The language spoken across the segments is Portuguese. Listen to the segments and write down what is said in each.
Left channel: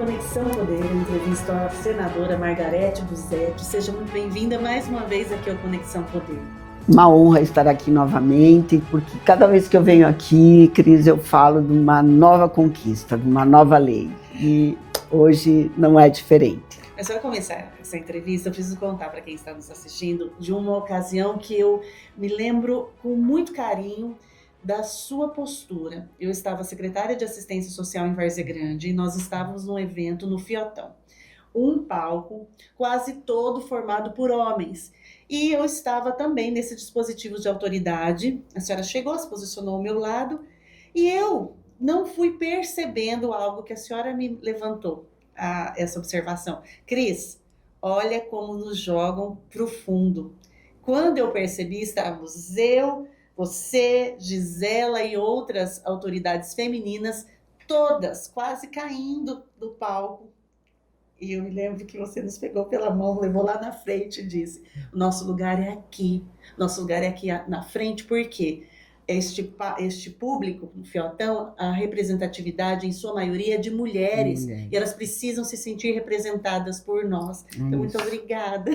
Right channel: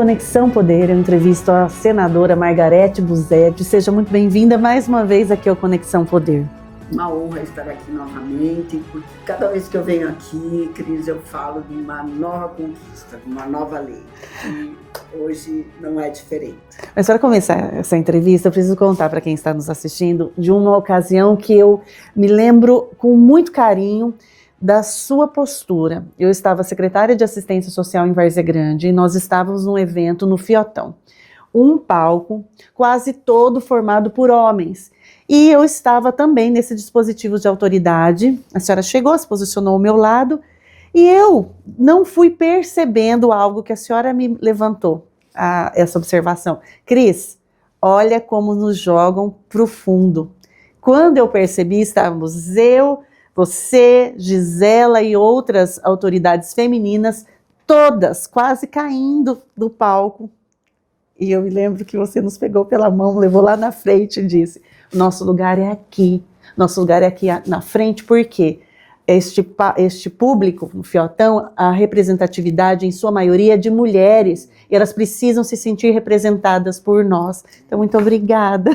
Conexão Poder, eu entrevisto a senadora Margarete Busetti. Seja muito bem-vinda mais uma vez aqui ao Conexão Poder. Uma honra estar aqui novamente, porque cada vez que eu venho aqui, Cris, eu falo de uma nova conquista, de uma nova lei. E hoje não é diferente. Mas para começar essa entrevista, eu preciso contar para quem está nos assistindo de uma ocasião que eu me lembro com muito carinho da sua postura. Eu estava secretária de Assistência Social em Várzea Grande e nós estávamos num evento no Fiotão. Um palco quase todo formado por homens. E eu estava também nesse dispositivo de autoridade. A senhora chegou, se posicionou ao meu lado e eu não fui percebendo algo que a senhora me levantou, essa observação. Cris, olha como nos jogam para o fundo. Quando eu percebi, estávamos eu, você, Gisela e outras autoridades femininas, todas quase caindo do palco. E eu me lembro que você nos pegou pela mão, levou lá na frente e disse: nosso lugar é aqui na frente, porque este público no Fiotão, a representatividade em sua maioria é de mulheres, e elas precisam se sentir representadas por nós. Então, muito obrigada.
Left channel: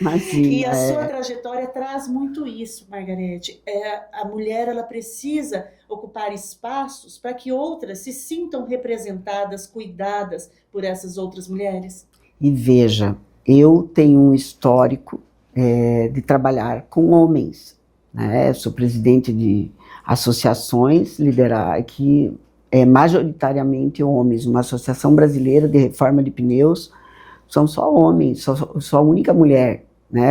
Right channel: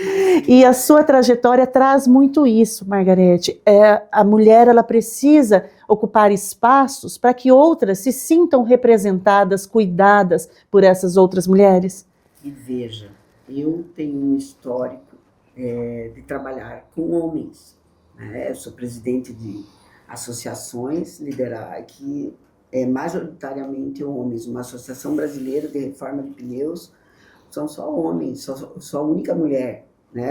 Imagina, e a sua trajetória traz muito isso, Margarete. A mulher, ela precisa ocupar espaços para que outras se sintam representadas, cuidadas por essas outras mulheres. E veja, eu tenho um histórico de trabalhar com homens. Sou presidente de associações que majoritariamente homens, uma associação brasileira de reforma de pneus, são só homens, sou a única mulher,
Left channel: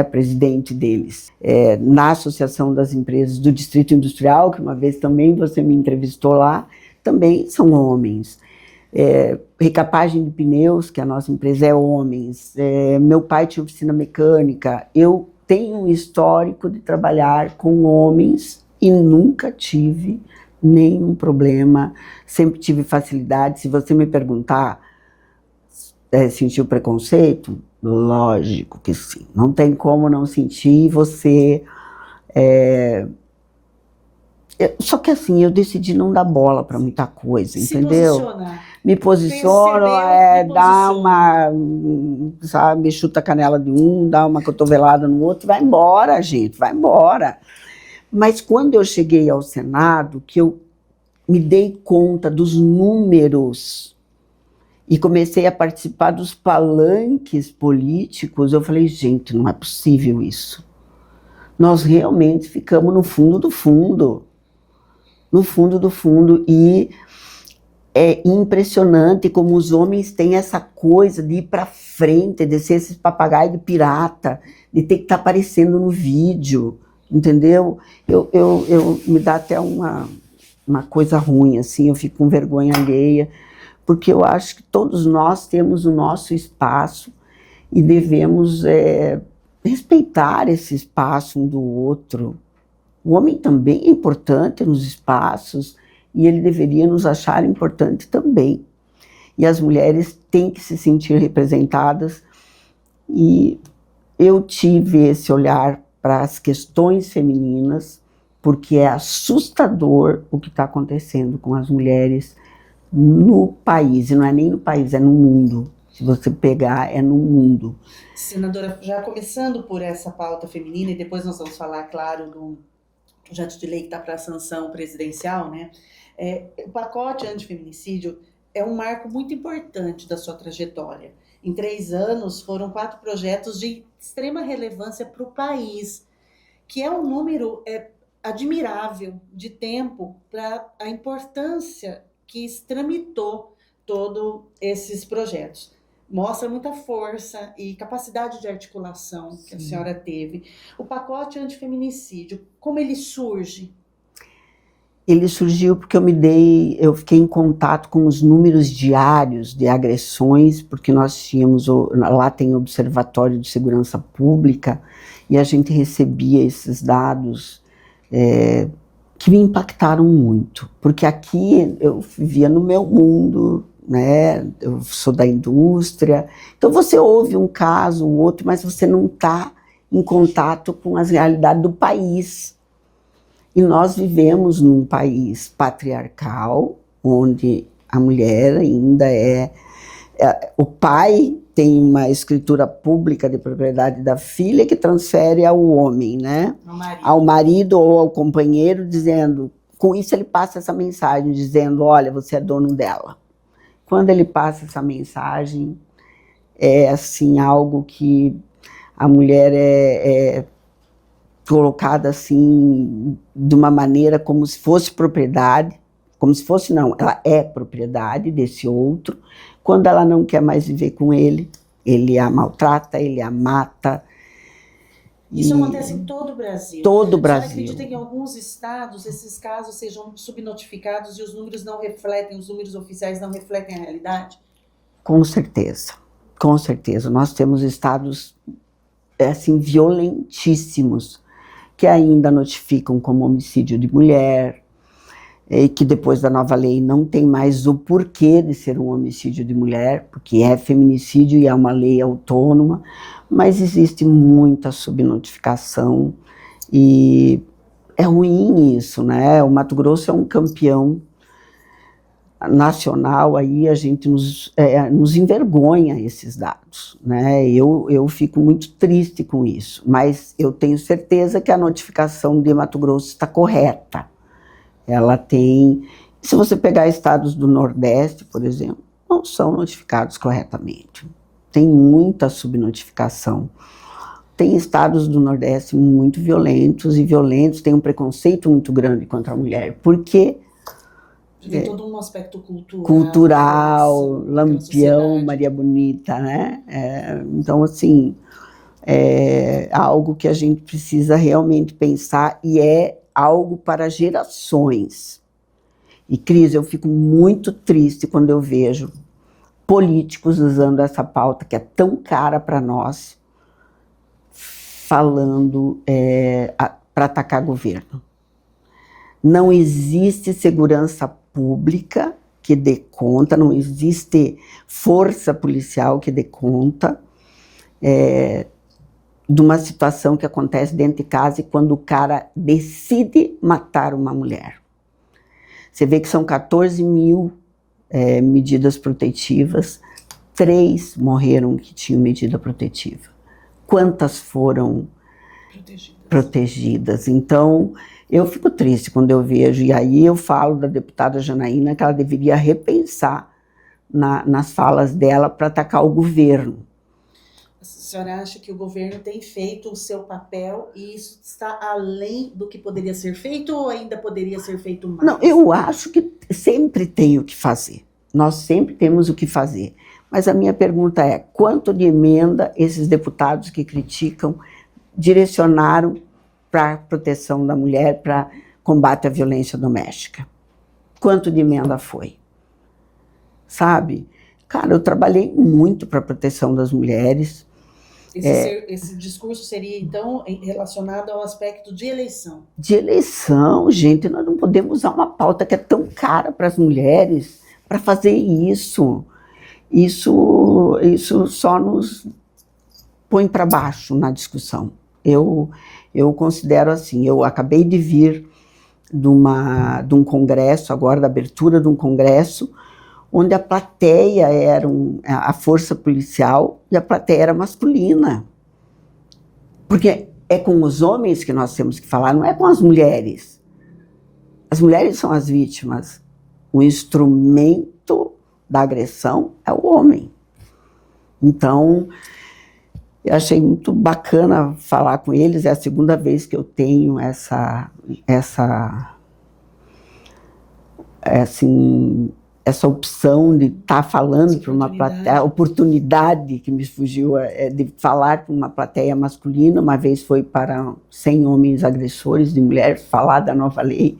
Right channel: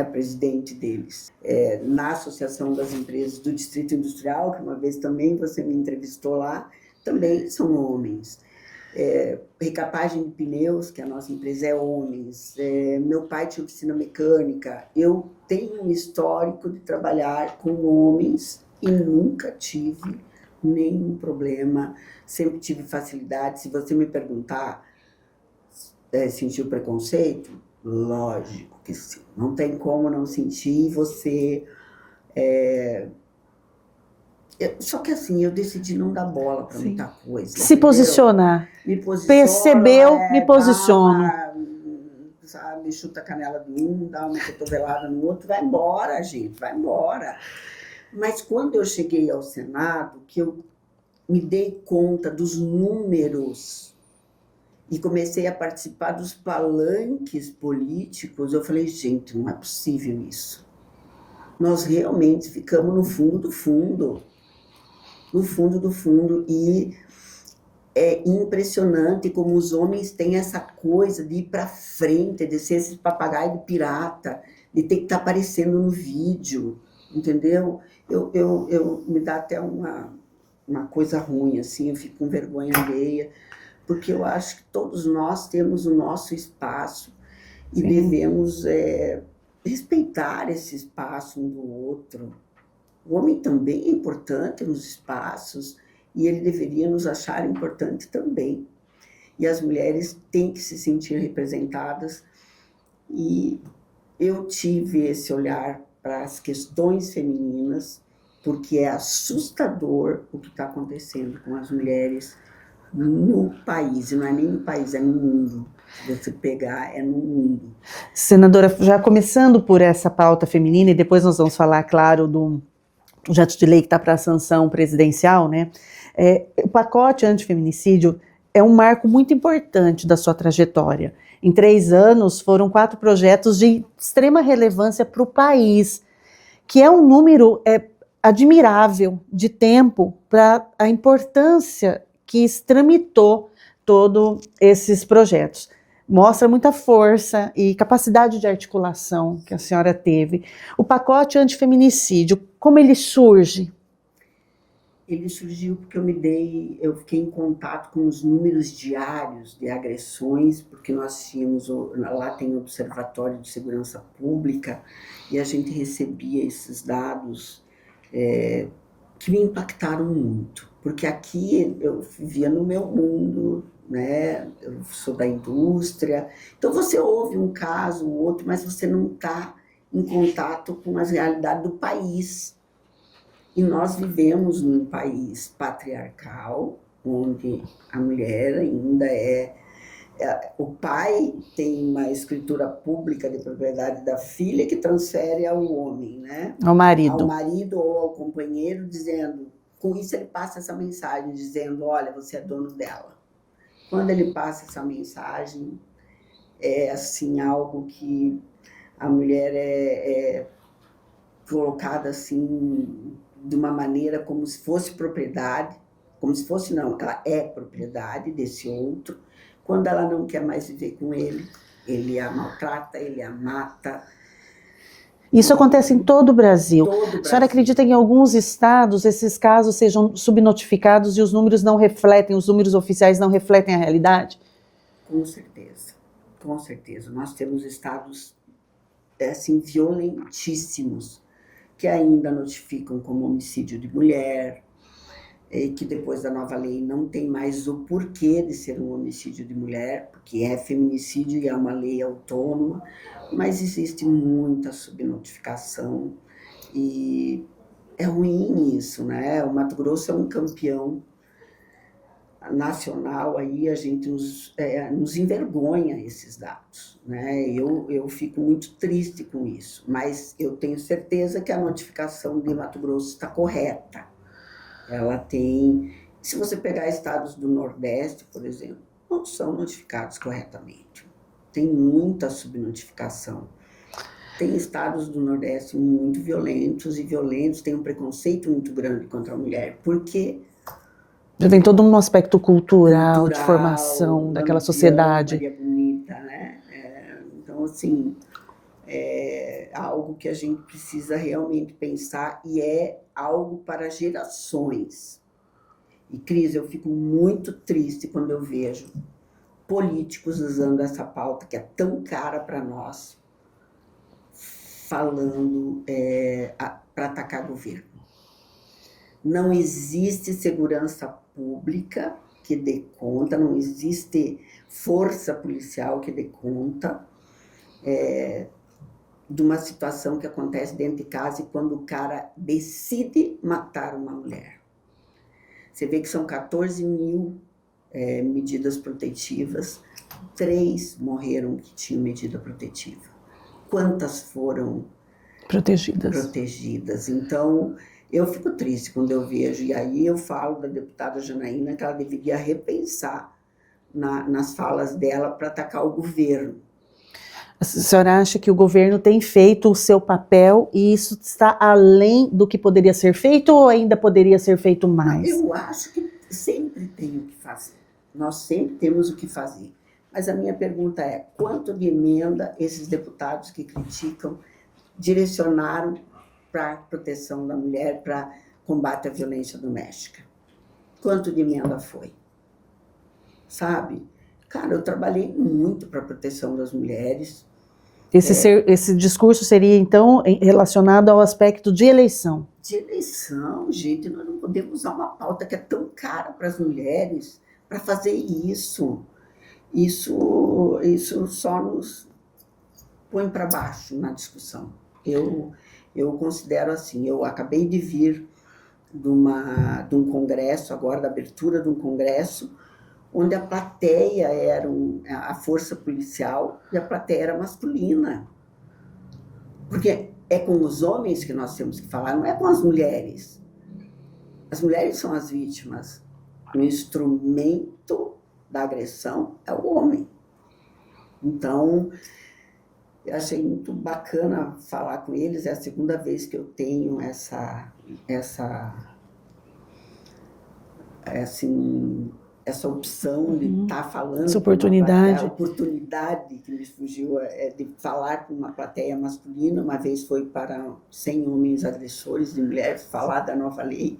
presidente deles. Na Associação das Empresas do Distrito Industrial, que uma vez também você me entrevistou lá, também são homens. Recapagem de pneus, que a nossa empresa é homens. Meu pai tinha oficina mecânica. Eu tenho um histórico de trabalhar com homens e nunca tive nenhum problema, sempre tive facilidade. Se você me perguntar, sentiu preconceito? Lógico que sim, não tem como não sentir. Só que assim, eu decidi não dar bola para muita coisa. Se entendeu? Posicionar. Me posiciono. Percebeu, me posiciona. Sabe, chuta a canela de um, dá uma cotovelada no outro, vai embora, gente, vai embora. Mas quando eu cheguei ao Senado, que eu me dei conta dos números e comecei a participar dos palanques políticos, eu falei, gente, não é possível isso. Nós realmente ficamos no fundo do fundo. No fundo do fundo, e é impressionante como os homens têm essa coisa de ir para frente, de ser esse papagaio de pirata, de ter que estar aparecendo no vídeo, entendeu? Eu me dá até uma coisa ruim, assim, eu fico com vergonha alheia, porque eu acho que todos nós temos o nosso espaço e devemos respeitar esse espaço um do outro. O homem também é importante nos espaços e ele deveria nos achar importante também. E as mulheres têm que se sentir representadas. E eu tive esse olhar para as questões femininas, porque é assustador o que está acontecendo com as mulheres no país. E não é nem no país, é no mundo. Se você pegar, é no mundo. Senadora, já começando por essa pauta feminina, e depois nós vamos falar, claro, do projeto de lei que está para a sanção presidencial, o pacote antifeminicídio é um marco muito importante da sua trajetória. Em 3 anos, foram 4 projetos de extrema relevância para o país, que é um número admirável de tempo para a importância que tramitou todos esses projetos. Mostra muita força e capacidade de articulação que a senhora teve. O pacote antifeminicídio, como ele surge? Ele surgiu porque eu fiquei em contato com os números diários de agressões, porque nós tínhamos, lá tem o Observatório de Segurança Pública, e a gente recebia esses dados que me impactaram muito, porque aqui eu vivia no meu mundo, eu sou da indústria, então você ouve um caso, um outro, mas você não está em contato com as realidades do país. E nós vivemos num país patriarcal, onde a mulher ainda é O pai tem uma escritura pública de propriedade da filha que transfere ao homem, né? Ao marido. Ao marido ou ao companheiro, dizendo... Com isso ele passa essa mensagem, dizendo, olha, você é dono dela. Quando ele passa essa mensagem, é assim, algo que a mulher é colocada assim, de uma maneira como se fosse propriedade, como se fosse não, ela é propriedade desse outro. Quando ela não quer mais viver com ele a maltrata, ele a mata. Isso acontece em todo o Brasil. Todo o Brasil. A senhora acredita que em alguns estados esses casos sejam subnotificados e os números não refletem, os números oficiais não refletem a realidade? Com certeza, com certeza. Nós temos estados assim, violentíssimos, que ainda notificam como homicídio de mulher, e que depois da nova lei não tem mais o porquê de ser um homicídio de mulher, porque é feminicídio e é uma lei autônoma, mas existe muita subnotificação e é ruim isso, né? O Mato Grosso é um campeão nacional, aí a gente nos envergonha esses dados, né? Eu fico muito triste com isso, mas eu tenho certeza que a notificação de Mato Grosso está correta. Ela tem... Se você pegar estados do Nordeste, por exemplo, não são notificados corretamente. Tem muita subnotificação. Tem estados do Nordeste muito violentos, tem um preconceito muito grande contra a mulher, porque... Já tem todo um aspecto cultural de formação daquela sociedade. Maria Bonita, né? Então, assim, é algo que a gente precisa realmente pensar e é algo para gerações. E, Cris, eu fico muito triste quando eu vejo políticos usando essa pauta que é tão cara para nós, falando para atacar governo. Não existe segurança pública que dê conta, não existe força policial que dê conta de uma situação que acontece dentro de casa e quando o cara decide matar uma mulher. Você vê que são 14 mil medidas protetivas, 3 morreram que tinham medida protetiva. Quantas foram protegidas? Então, eu fico triste quando eu vejo, e aí eu falo da deputada Janaína que ela deveria repensar nas falas dela para atacar o governo. A senhora acha que o governo tem feito o seu papel e isso está além do que poderia ser feito ou ainda poderia ser feito mais? Não, eu acho que sempre tem o que fazer. Nós sempre temos o que fazer. Mas a minha pergunta é, quanto de emenda esses deputados que criticam direcionaram para a proteção da mulher, para combate à violência doméstica? Quanto de emenda foi? Sabe? Cara, eu trabalhei muito para a proteção das mulheres. Esse discurso seria, então, relacionado ao aspecto de eleição? De eleição, gente. Nós não podemos usar uma pauta que é tão cara para as mulheres para fazer isso. Isso só nos põe para baixo na discussão. Eu considero assim, eu acabei de vir de um congresso, agora da abertura de um congresso, onde a plateia era a força policial e a plateia era masculina. Porque é com os homens que nós temos que falar, não é com as mulheres. As mulheres são as vítimas. O instrumento da agressão é o homem. Então, eu achei muito bacana falar com eles, é a segunda vez que eu tenho essa opção de estar falando para uma plateia, a oportunidade que me fugiu de falar com uma plateia masculina. Uma vez foi para 100 homens agressores de mulheres, falar da nova lei.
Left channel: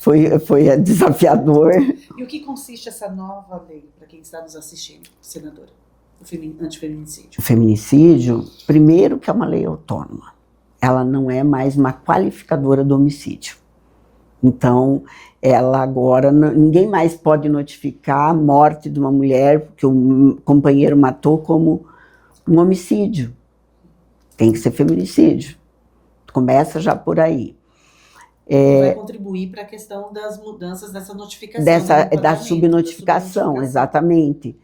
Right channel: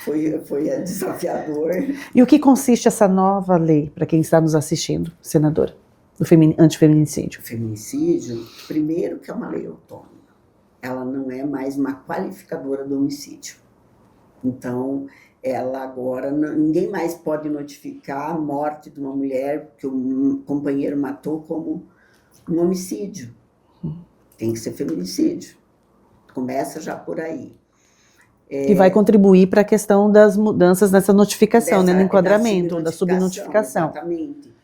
Foi desafiador. E o que consiste essa nova lei, para quem está nos assistindo, senadora, do antifeminicídio? O feminicídio, primeiro que é uma lei autônoma. Ela não é mais uma qualificadora do homicídio. Então, ela agora, ninguém mais pode notificar a morte de uma mulher que o companheiro matou como um homicídio. Tem que ser feminicídio. Começa já por aí. E vai contribuir para a questão das mudanças nessa notificação, né, no enquadramento, da subnotificação, exatamente.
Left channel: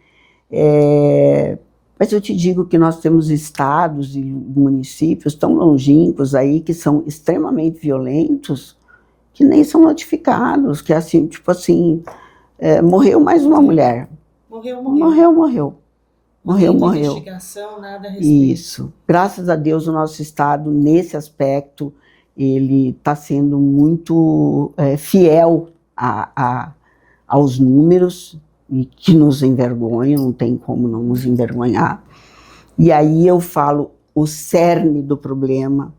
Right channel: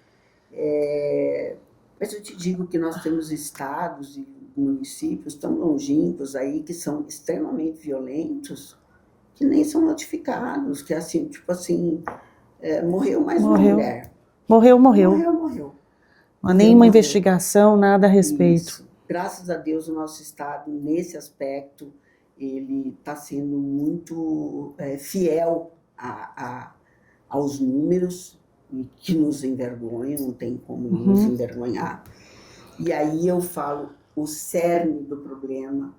Mas eu te digo que nós temos estados e municípios tão longínquos aí que são extremamente violentos que nem são notificados, que assim, tipo assim, morreu mais uma mulher. Morreu. Não há nenhuma investigação, nada a respeito. Isso. Graças a Deus o nosso estado, nesse aspecto, ele está sendo muito fiel aos números, e que nos envergonha, não tem como não nos envergonhar. E aí eu falo, o cerne do problema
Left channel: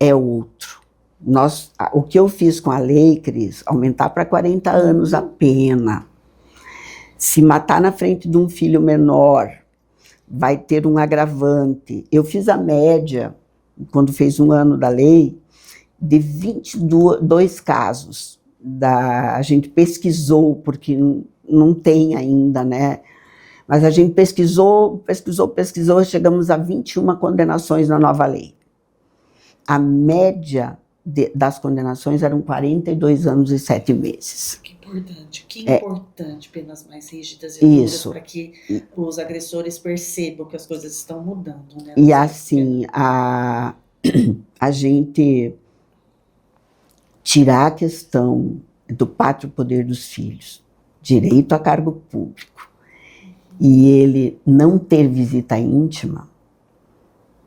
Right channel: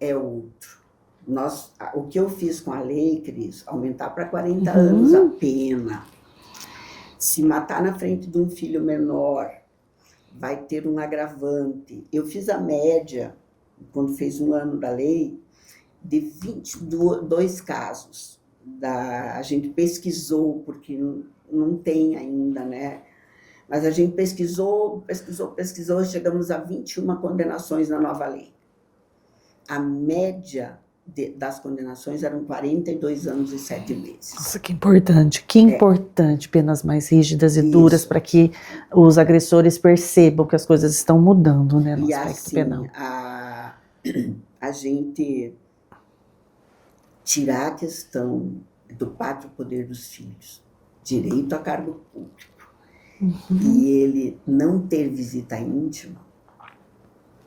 é outro. O que eu fiz com a lei, Cris, aumentar para 40 anos a pena. Se matar na frente de um filho menor, vai ter um agravante. Eu fiz a média, quando fez 1 ano da lei, de 22 casos. A gente pesquisou, porque não tem ainda, né? Mas a gente pesquisou, chegamos a 21 condenações na nova lei. A média das condenações eram 42 anos e 7 meses. Nossa, que importante. Que importante, penas mais rígidas e duras, para que os agressores percebam que as coisas estão mudando, né? E assim, a gente tirar a questão do pátrio poder dos filhos, direito a cargo público, e ele não ter visita íntima,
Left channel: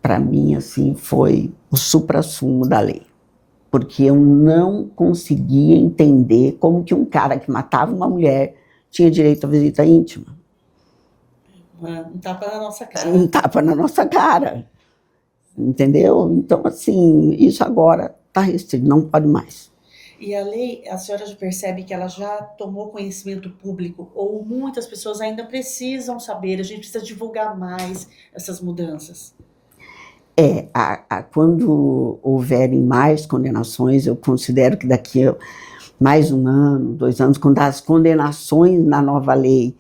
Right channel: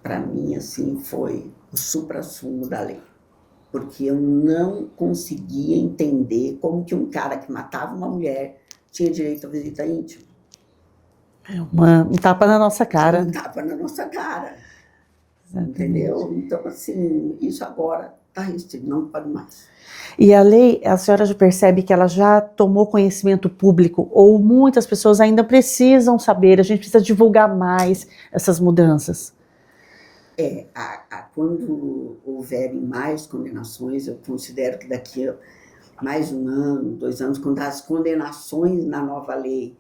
para mim, assim, foi o suprassumo da lei. Porque eu não conseguia entender como que um cara que matava uma mulher tinha direito à visita íntima. Um tapa na nossa cara. Um tapa na nossa cara. Entendeu? Então, assim, isso agora está restrito, não pode mais. E a lei, a senhora já percebe que ela já tomou conhecimento público, ou muitas pessoas ainda precisam saber, a gente precisa divulgar mais essas mudanças? Quando houverem mais condenações, eu considero que daqui a mais 1 ano, 2 anos, quando as condenações na nova lei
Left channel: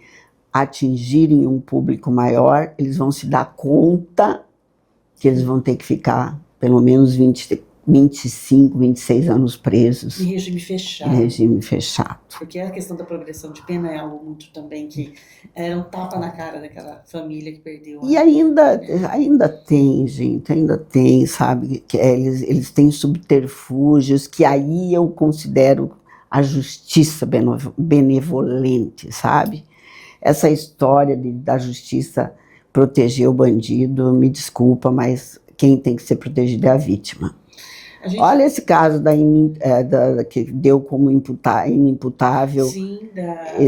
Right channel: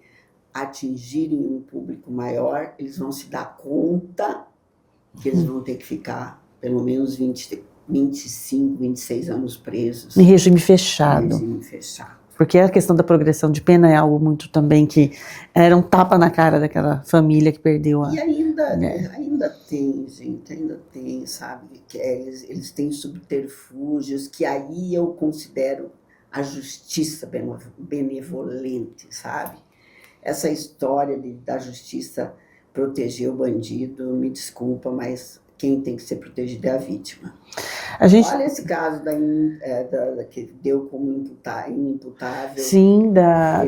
atingirem um público maior, eles vão se dar conta que eles vão ter que ficar pelo menos 25, 26 anos presos. Em regime fechado. Em regime fechado. Porque a questão da progressão de pena é algo muito também que era um tapa na cara daquela família que perdeu a... E ainda tem, gente, ainda tem, sabe? Que eles têm subterfúgios que aí eu considero a justiça benevolente, sabe? Essa história da justiça proteger o bandido, me desculpa, mas quem tem que ser protegido é a vítima. Olha esse caso que deu como inimputável. Sim,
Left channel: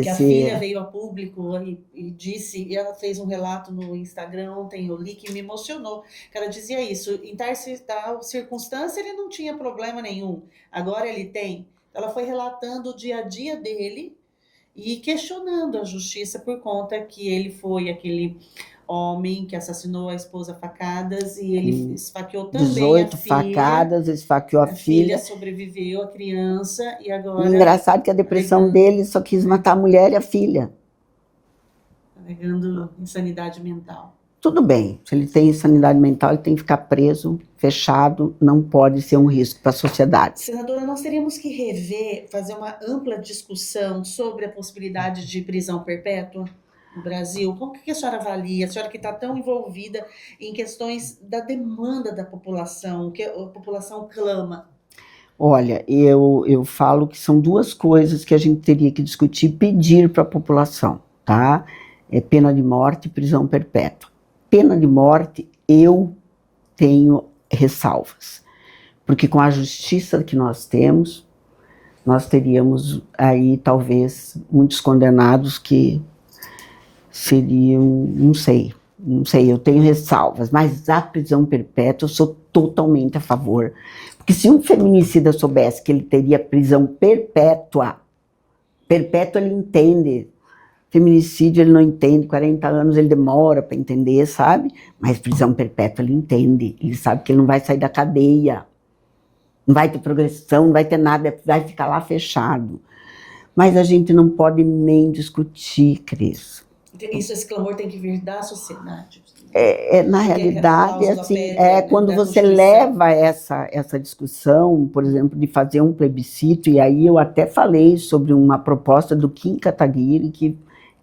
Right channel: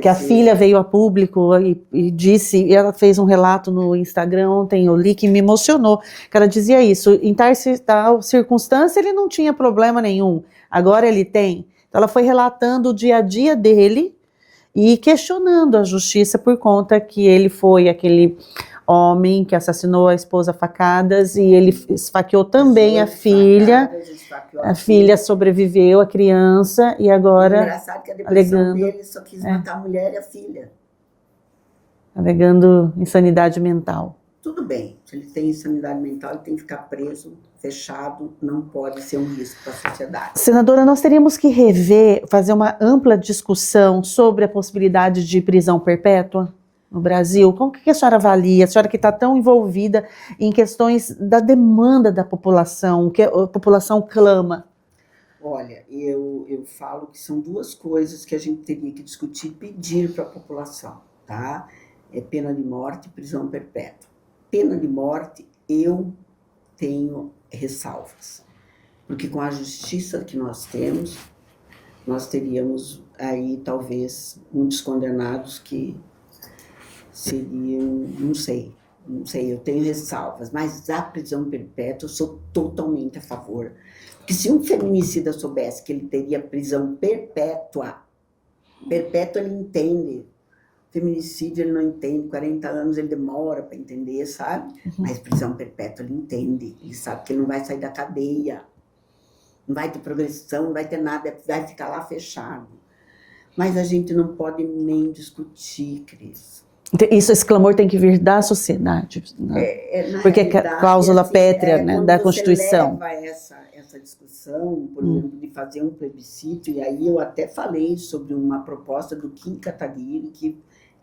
que a filha veio a público e disse, e ela fez um relato no Instagram ontem, eu li, que me emocionou, que ela dizia isso, em tal circunstância ele não tinha problema nenhum, agora ele tem. Então ela foi relatando o dia a dia dele e questionando a justiça por conta que ele foi aquele homem que assassinou a esposa a facadas e ele esfaqueou também a filha. Facadas, esfaqueou a filha sobreviveu, a criança, e agora... Engraçado que a depressão dele só quis matar a mulher e a filha. Alegando insanidade mental. Tudo bem, se ele tem insanidade mental, ele tem que ficar preso, fechado, não pode ser um risco para a sociedade. Senadora, nós teríamos que fazer uma ampla discussão sobre a possibilidade de prisão perpétua no Brasil. Como que a senhora avalia? A senhora que está tão envolvida em questões da demanda da população, que a população clama. Olha, eu falo que são 2 coisas que a gente teria que discutir e pedir para a população, tá? Pena de morte e prisão perpétua. Pena de morte, eu tenho ressalvas, porque com a justiça que nós temos, nós teríamos aí talvez muitos condenados que seriam, não sei, eu tenho ressalvas, mas a prisão perpétua eu sou totalmente a favor, porque se um feminicida soubesse que ele teria prisão perpétua ele entende. Feminicídio ele não entende, 40 anos ele demora para entender, sabe? Mas prisão perpétua ele entende, ele sabe que ele não vai sair da cadeia, não vai ter progressão, não vai ter nada, vai ficar lá fechado. Mas a gente não pode nem discutir, Cris. Esse clamor tem que vir da sociedade. Né? Na porque realidade, a cláusula assim, pétrea, né, quando da você Constituição. leva essa discussão, por exemplo, de fazer um plebiscito, e aí eu até falei sobre uma proposta do Kim Kataguiri, que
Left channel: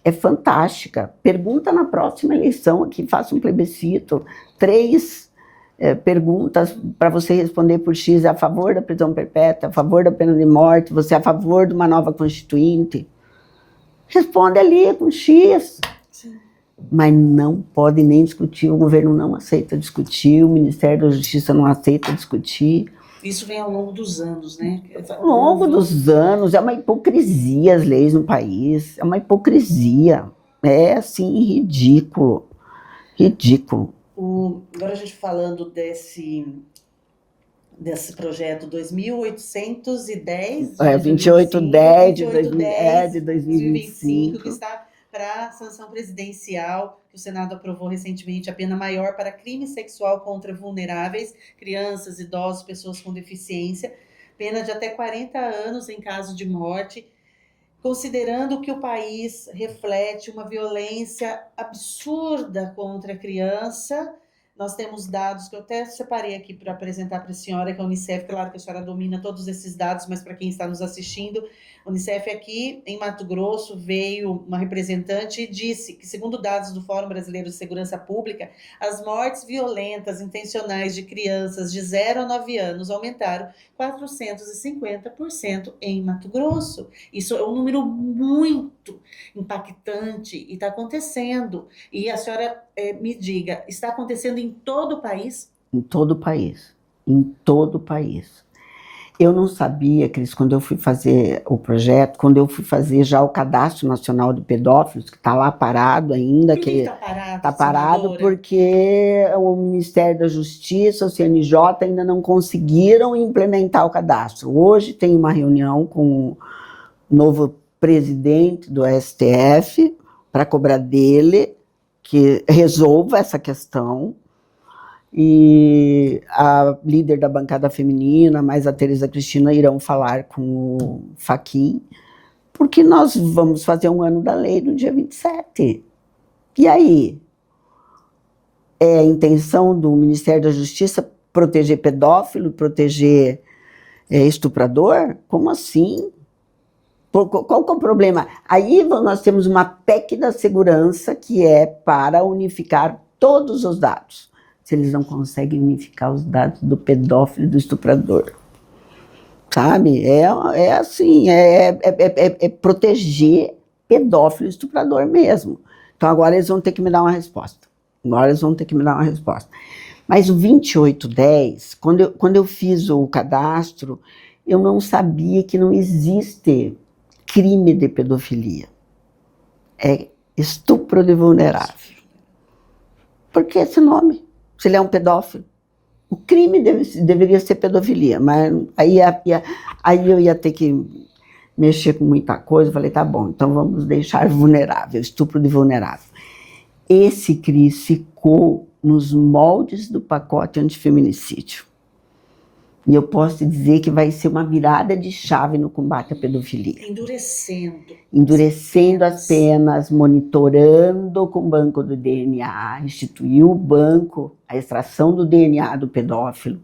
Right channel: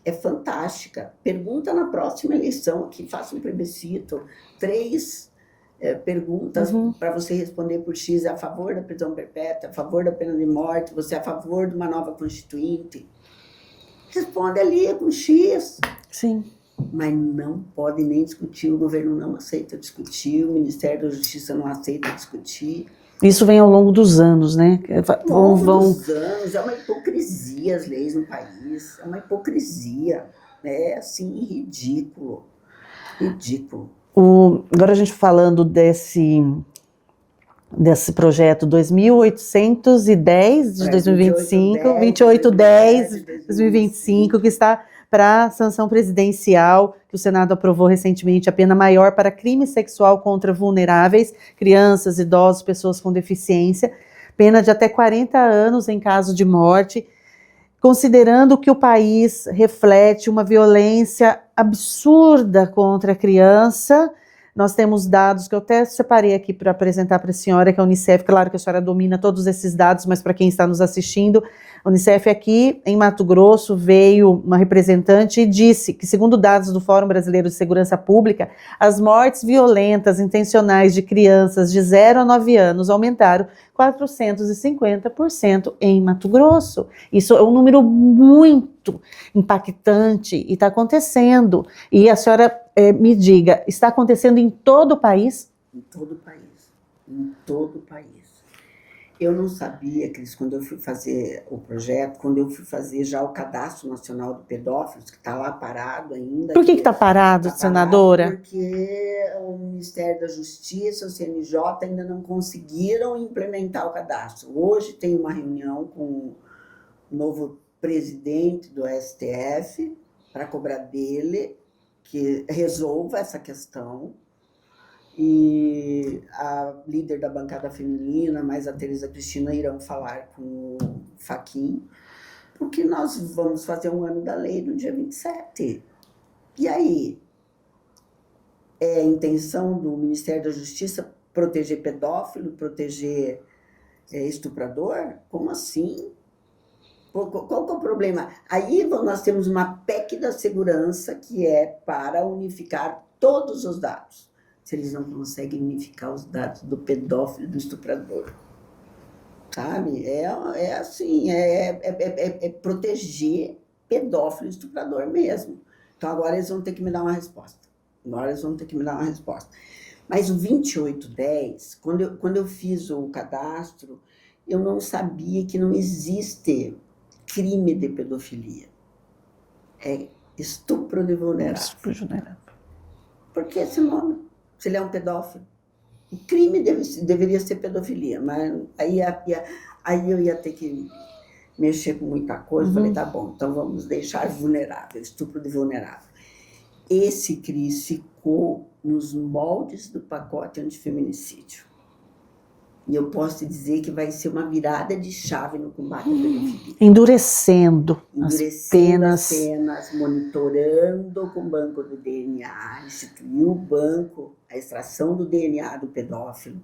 é fantástica. Pergunta na próxima eleição aqui, faça um plebiscito. 3 perguntas para você responder por X. É a favor da prisão perpétua, a favor da pena de morte, você é a favor de uma nova constituinte? Responde ali com X. Sim. Mas não pode nem discutir, o governo não aceita discutir, o Ministério da Justiça não aceita discutir. Isso vem ao longo dos anos, né? Ao longo dos anos, é uma hipocrisia as leis no país, é uma hipocrisia. É, assim, ridículo. Ridículo. Agora a gente falando desse projeto 2810 de 2025, 2810 de 2025, que está para sanção presidencial, que o Senado aprovou recentemente, a pena maior para crime sexual contra vulneráveis, crianças, idosos, pessoas com deficiência, pena de até 40 anos em caso de morte, considerando que o país reflete uma violência absurda contra a criança. Nós temos dados que eu até separei aqui para apresentar para a senhora, que é a Unicef. Claro que a senhora domina todos esses dados, mas para quem está nos assistindo, a Unicef aqui em Mato Grosso veio uma representante e disse que, segundo dados do Fórum Brasileiro de Segurança Pública, as mortes violentas intencionais de crianças de 0 a 9 anos aumentaram 450% em Mato Grosso. Isso é um número muito impactante e está acontecendo. E a senhora me diga, está acontecendo em todo o país? Em todo o país. Em todo o país. Eu não sabia, Cris, quando eu fui fazer o projeto, quando eu fui fazer já o Cadastro Nacional de Pedófilos, que está lá parado ainda. Por que está parado, senadora? Porque o Ministério da Justiça, o CNJ, ainda não conseguiram implementar o cadastro. Hoje tem uma reunião com o novo presidente do STF para cobrar dele que resolva essa questão. E a líder da bancada feminina, mais a Tereza Cristina, irão falar com o Fachin, porque nós vamos fazer um ano da lei no dia 27. E aí? É a intenção do Ministério da Justiça proteger pedófilo, proteger estuprador? Como assim? Qual que é o problema? Aí nós temos uma PEC da segurança que é para unificar todos os dados. Se eles não conseguem unificar os dados do pedófilo e do estuprador. Sabe? É assim, é proteger pedófilo e estuprador mesmo. Então agora eles vão ter que me dar uma resposta. Mas o 2810, quando eu fiz o cadastro, eu não sabia que não existe crime de pedofilia. É estupro de vulnerável. Por que esse nome? Se ele é um pedófilo. O crime deveria ser pedofilia, mas aí eu ia ter que mexer com muita coisa. Eu falei, tá bom, então vamos deixar vulnerável, estupro de vulnerável. Esse, Cris, ficou nos moldes do pacote antifeminicídio. E eu posso te dizer que vai ser uma virada de chave no combate à pedofilia. Endurecendo as penas, monitorando com o banco do DNA, instituiu o banco, a extração do DNA do pedófilo,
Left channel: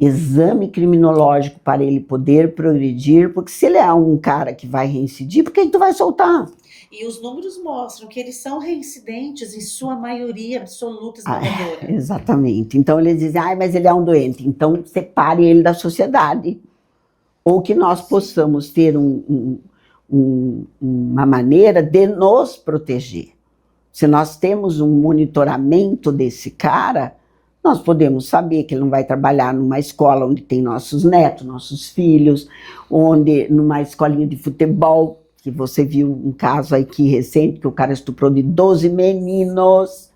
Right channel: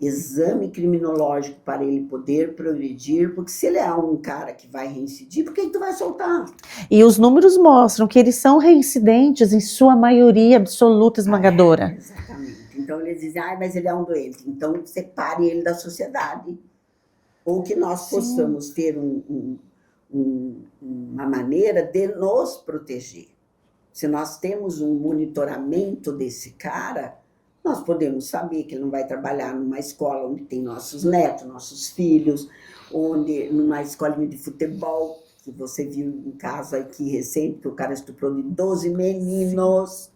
exame criminológico para ele poder progredir, porque se ele é um cara que vai reincidir, por que tu vai soltar? E os números mostram que eles são reincidentes em sua maioria absoluta esmagadora. Exatamente. Então eles dizem, mas ele é um doente, então separe ele da sociedade. Ou que nós possamos ter uma maneira de nos proteger. Se nós temos um monitoramento desse cara, nós podemos saber que ele não vai trabalhar numa escola onde tem nossos netos, nossos filhos, numa escolinha de futebol, que você viu um caso aqui recente, que o cara estuprou de 12 meninos.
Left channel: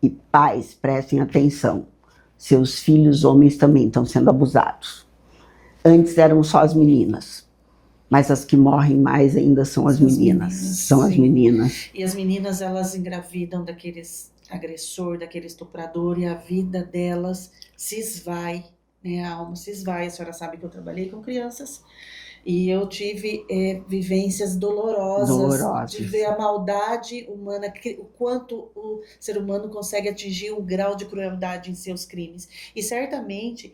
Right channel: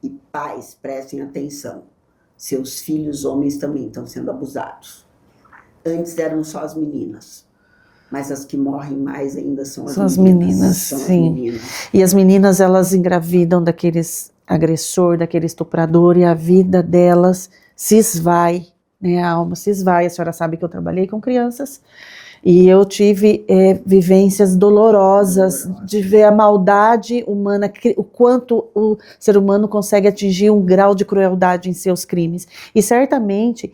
E pais, prestem atenção, seus filhos homens também estão sendo abusados. Antes eram só as meninas, mas as que morrem mais ainda são as meninas. São as meninas. E as meninas, elas engravidam daqueles agressor, daquele estuprador, e a vida delas se esvai, né? A alma se esvai. A senhora sabe que eu trabalhei com crianças E eu tive vivências dolorosas de ver a maldade humana, o quanto o ser humano consegue atingir um grau de crueldade em seus crimes. E certamente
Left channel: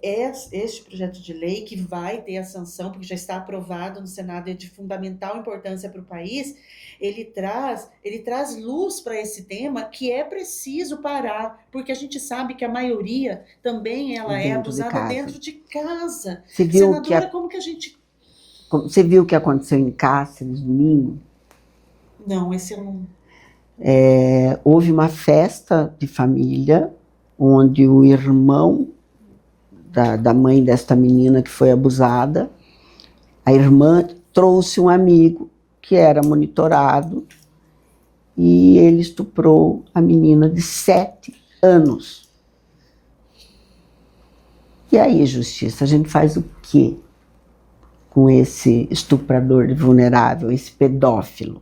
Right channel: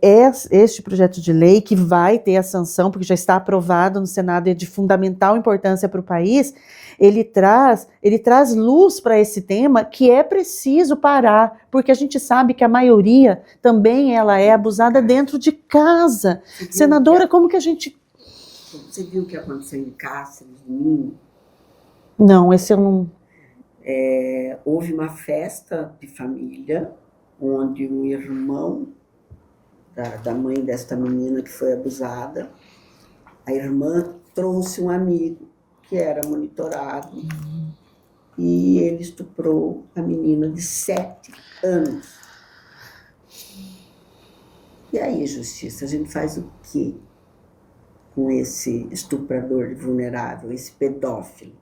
este projeto de lei, que vai ter a sanção, porque já está aprovado no Senado e é de fundamental importância para o país, ele traz luz para esse tema que é preciso parar, porque a gente sabe que a maioria também ela é abusada dentro de casa. Senadora, como que a gente... Você viu o que aconteceu em Cáceres domingo? Não, esse eu não... Houve uma festa de família, onde o irmão da mãe desta menina que foi abusada, a irmã trouxe um amigo que era monitorado, e ele estuprou a menina de 7 anos. E aí, justiça, a gente faz o quê com esse estuprador de vulnerável, esse pedófilo?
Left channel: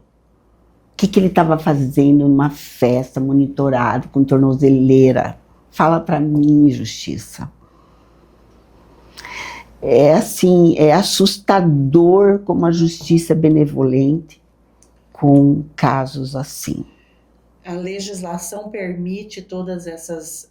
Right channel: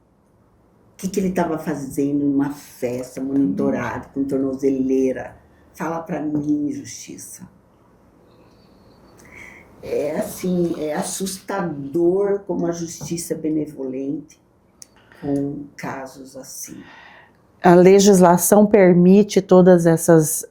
O que ele estava fazendo numa festa, monitorado, com tornozeleira? Fala para mim, justiça. É assim, é assustador como a justiça é benevolente com casos assim. A legislação permite todas essas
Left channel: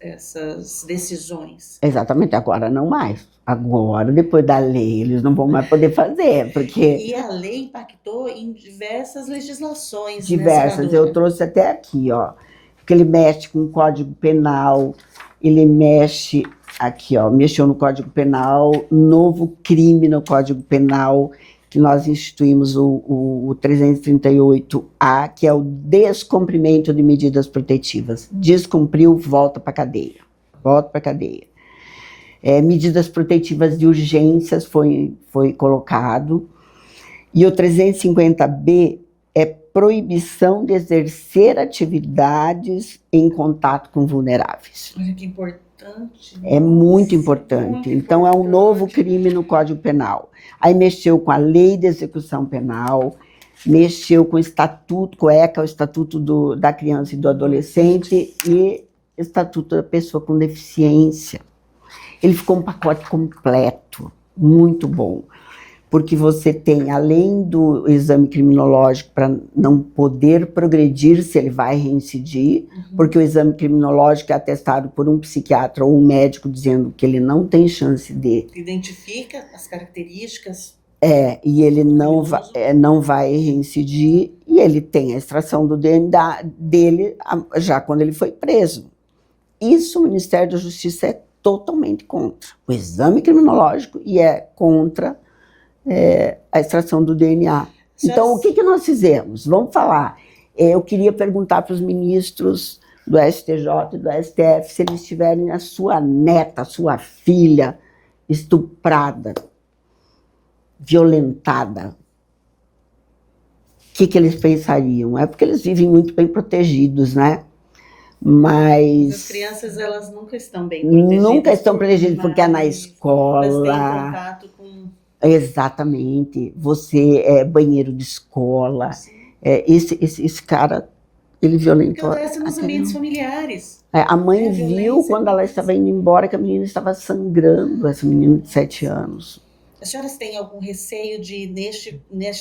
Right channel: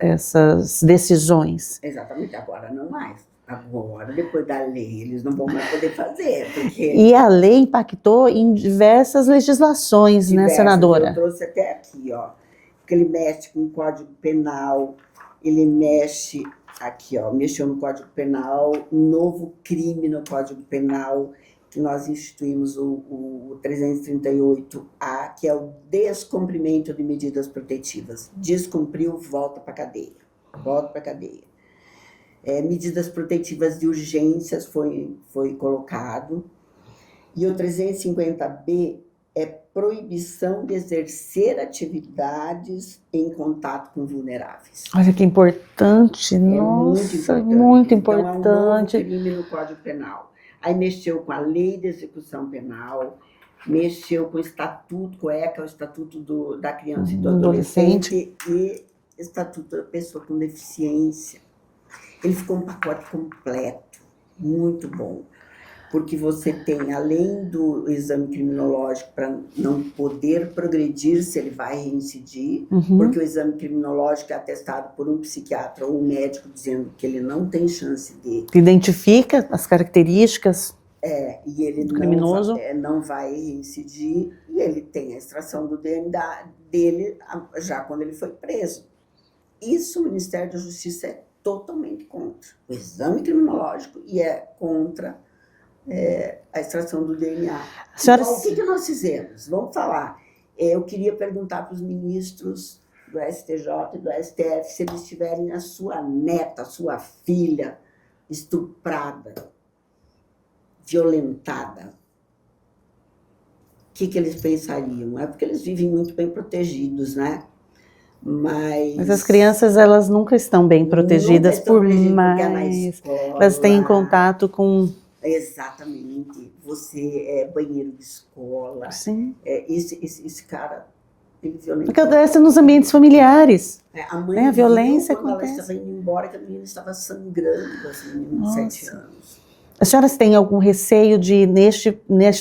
decisões. Exatamente, agora não mais. Agora, depois da lei, eles não vão mais poder fazer, porque... E a lei impactou em diversas legislações, né, senadora? Eu trouxe até aqui, ó, porque ele mexe com o Código Penal, ele mexe aqui, ó, mexeu no Código Penal, novo crime no Código Penal, que nós instituímos o 338A, que é o descumprimento de medidas protetivas. Descumpriu, volta para a cadeia. Volta para a cadeia. Medidas protetivas de urgências foi colocado. E o 350B é proibição de exercer atividades em contato com vulneráveis. Olha que importante. É muito importante. Muito então, importante. É um novo crime no Código Penal. Aí mexeu com a Lei de Execução Penal, mexeu com o Estatuto, com o ECA, o Estatuto da Criança e do Adolescente, e Estatuto da Pessoa com Deficiência. Ele ficou um pacote completo, muito bom. Porque você tem, além do exame criminológico para não poder progredir se ele vai reincidir, porque o exame criminológico é atestado por um psiquiatra ou um médico dizendo que ele não tem chance de... Identifica as características. E ele não vai reincidir, e ele tem a extração do DNA dele já quando ele foi preso. Isso o Ministério da Justiça é totalmente contra. O exame criminológico e é contra... a extração do DNA. Então, o que nós fizemos? Vamos falar. Eu queria perguntar para os ministros do STJ e do STF se eles tiverem a sua neta, a sua filha estuprada, violentada. O que eles pensariam? É porque eles vivem muito bem protegidos, né? Mas as crianças, elas nunca estão bem protegidas. Nunca estão protegidas porque é na escola. Elas têm contato com... Exatamente. Você é banheiro de escola. Sim. Esse cara, ele violentou. Porque acontece nos ambientes familiares. A mãe viu quando ela acontece. estava indo embora que a menina estava sangrando, essa menina de 7 anos. As senhoras têm algum receio de,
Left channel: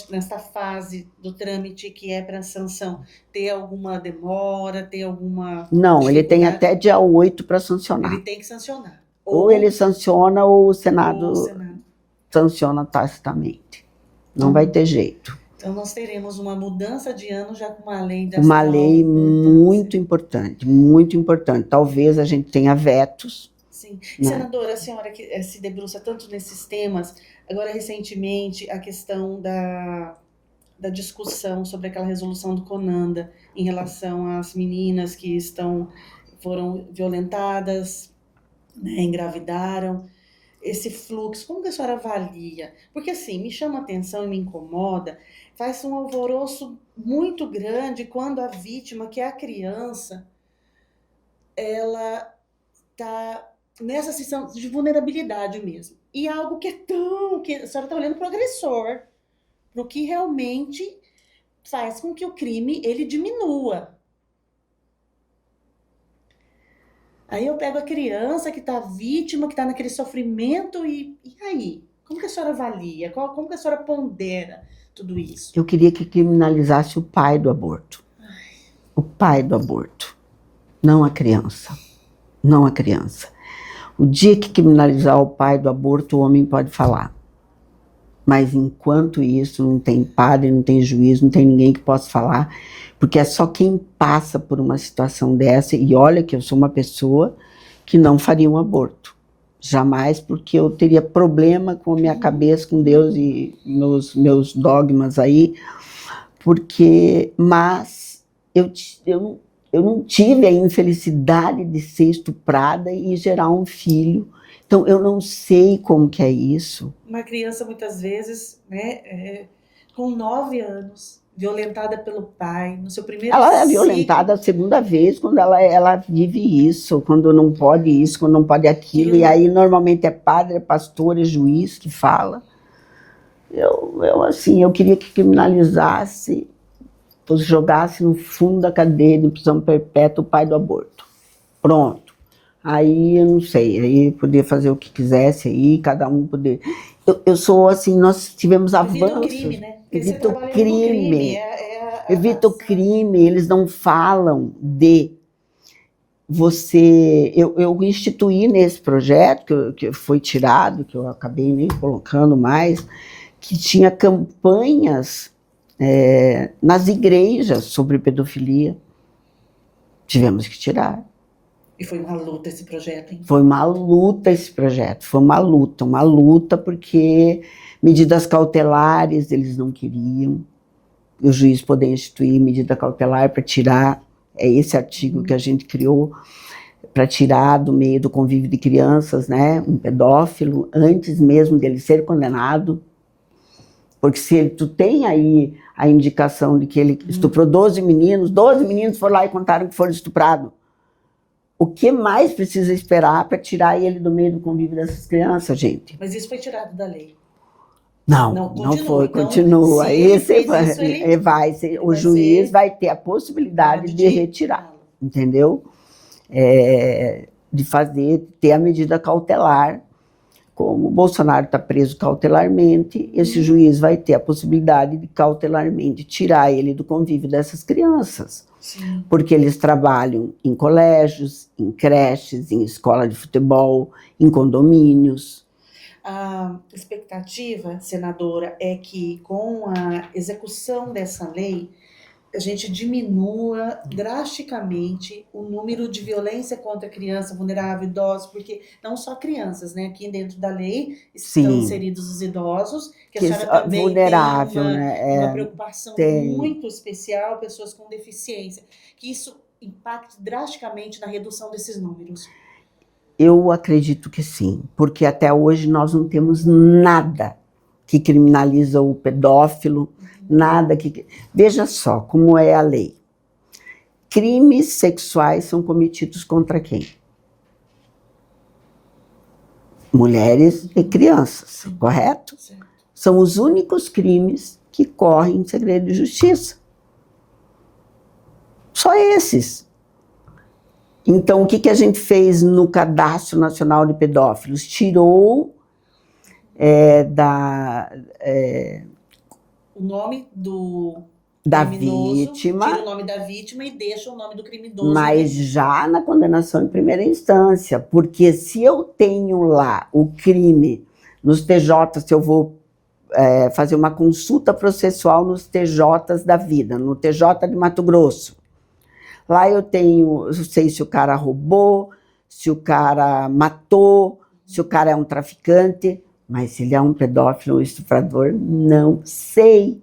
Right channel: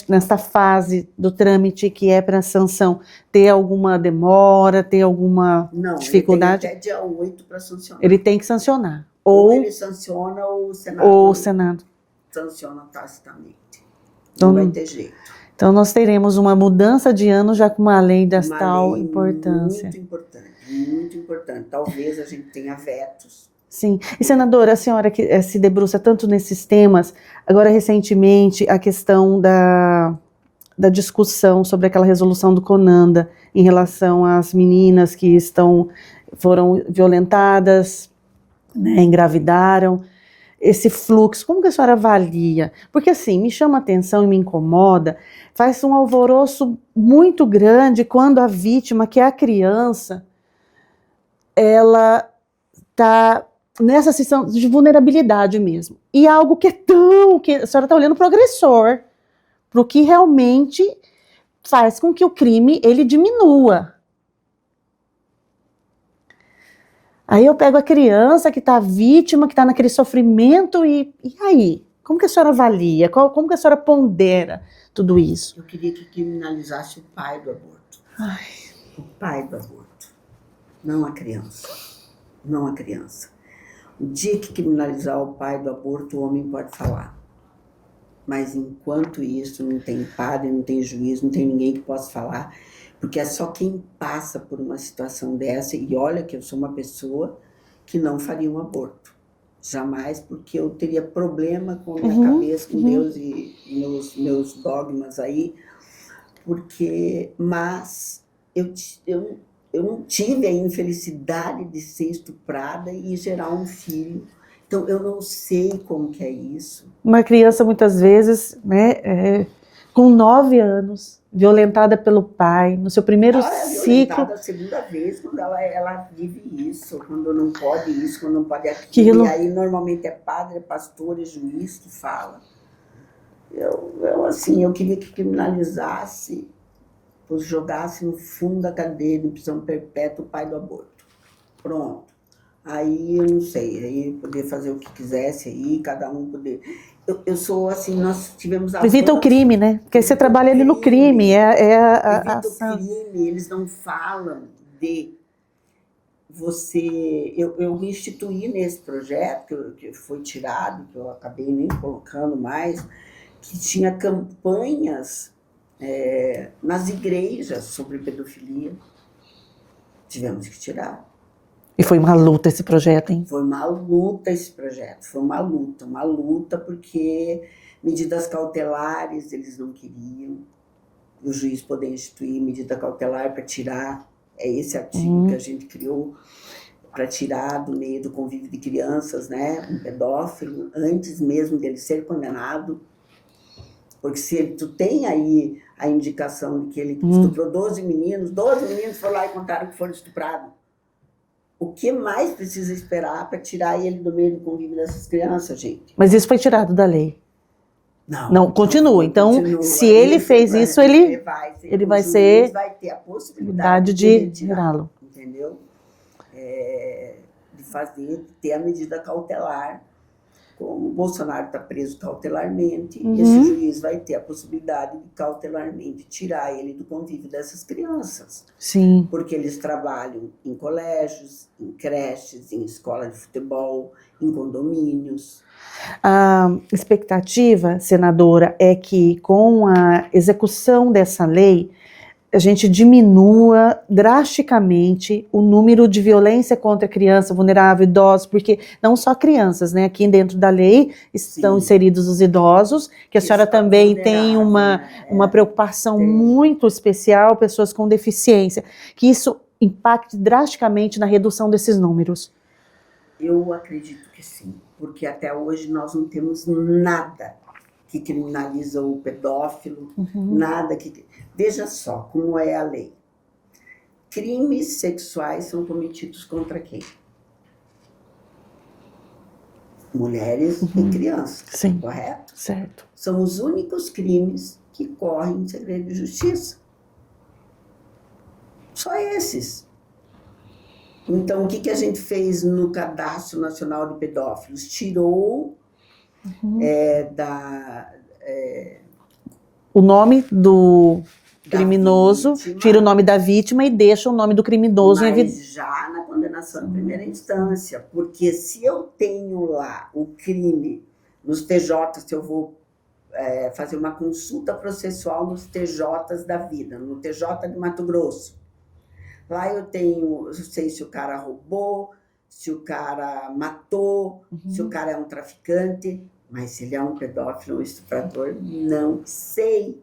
nesta fase do trâmite que é para sanção, ter alguma demora, ter alguma Não, dificuldade? Ele tem até dia 8 para sancionar. Ele tem que sancionar. Ou ele sanciona ou o Senado... Ou o Senado. Sanciona tacitamente. Não vai ter jeito. Então nós teremos uma mudança de ano já com uma lei dessa tal importância. Muito importante, muito importante. Talvez a gente tenha vetos. Sim. E senadora, a senhora que se debruça tanto nesses temas, agora recentemente a questão da discussão sobre aquela resolução do Conanda em relação às meninas que foram violentadas, né, engravidaram. Esse fluxo, como que a senhora avalia? Porque assim, me chama a atenção e me incomoda, faz um alvoroço muito grande quando a vítima, que é a criança, ela está nessa situação de vulnerabilidade mesmo. E algo que que a senhora está olhando para o agressor, para o que realmente faz com que o crime ele diminua. Aí eu pego a criança que está vítima, que está naquele sofrimento, e aí? Como que a senhora avalia? Como que a senhora pondera tudo isso? Eu queria que criminalizasse o pai do aborto. Ai. O pai do aborto, não a criança. Não a criança. O dia que criminalizar o pai do aborto, o homem pode falar. Mas enquanto isso, não tem padre, não tem juiz, não tem ninguém que possa falar, porque é só quem passa por uma situação dessa, e olha que eu sou uma pessoa que não faria um aborto. Jamais, porque eu teria problema com a minha cabeça, com Deus e meus dogmas aí, mas eu não tive a infelicidade de ser estuprada e gerar um filho. Então, eu não sei como que é isso. Uma criança, muitas vezes, né, com 9 anos, violentada pelo pai, no seu primeiro ciclo. Ela é violentada a segunda vez, quando ela vive isso, quando não pode isso, quando não pode aquilo. E aí, normalmente, é padre, é pastor, é juiz que fala. Eu queria que criminalizasse, jogasse no fundo da cadeia de prisão perpétua o pai do aborto. Pronto. Aí, eu não sei, aí poder fazer o que quisesse aí, cada um poder... Eu sou assim, nós tivemos avanço. Evita o crime, né? Porque você trabalha ali no crime. Evita o crime, eles não falam de você... Eu instituí nesse projeto, que foi tirado, que eu acabei nem colocando mais, que tinha campanhas nas igrejas sobre pedofilia. Tivemos que tirar. E foi uma luta esse projeto, hein? Foi uma luta esse projeto, foi uma luta porque medidas cautelares eles não queriam, o juiz poder instituir medida cautelar para tirar, é esse artigo que a gente criou, para tirar do meio do convívio de crianças, né, um pedófilo, antes mesmo dele ser condenado, porque se tu tem aí a indicação de que ele estuprou 12 meninos foram lá e contaram que foram estuprados. O que mais precisa esperar para tirar ele do meio do convívio dessas crianças, gente? Mas isso foi tirado da lei. Não, continua. Então, continua. Se ele fez isso, ele vai ser, o juiz vai ter a possibilidade de retirá-lo, entendeu? De ter a medida cautelar. Como o Bolsonaro está preso cautelarmente, esse juiz vai ter a possibilidade de cautelarmente tirar ele do convívio dessas crianças. Sim. Porque eles trabalham em colégios, em creches, em escola de futebol, em condomínios. A expectativa, senadora, é que com a execução dessa lei, a gente diminua drasticamente o número de violência contra criança vulnerável, idosos, porque não só crianças, né? Aqui dentro da lei estão inseridos os idosos, que a senhora também tem uma preocupação muito especial, pessoas com deficiência, que isso impacte drasticamente na redução desses números. Eu acredito que sim, porque até hoje nós não temos nada que criminaliza o pedófilo, nada que... Veja só como é a lei. Crimes sexuais são cometidos contra quem? Mulheres e crianças, correto? Certo. São os únicos crimes que correm em segredo de justiça. Só esses. Então, o que a gente fez no Cadastro Nacional de Pedófilos? Tirou o nome do criminoso, vítima, tira o nome da vítima e deixa o nome do criminoso. Mas já na condenação em primeira instância, porque se eu tenho lá o crime nos TJs, se eu vou fazer uma consulta processual nos TJs da vida, no TJ de Mato Grosso, lá eu sei se o cara roubou, se o cara matou, se o cara é um traficante, mas se ele é um pedófilo ou estuprador, não sei.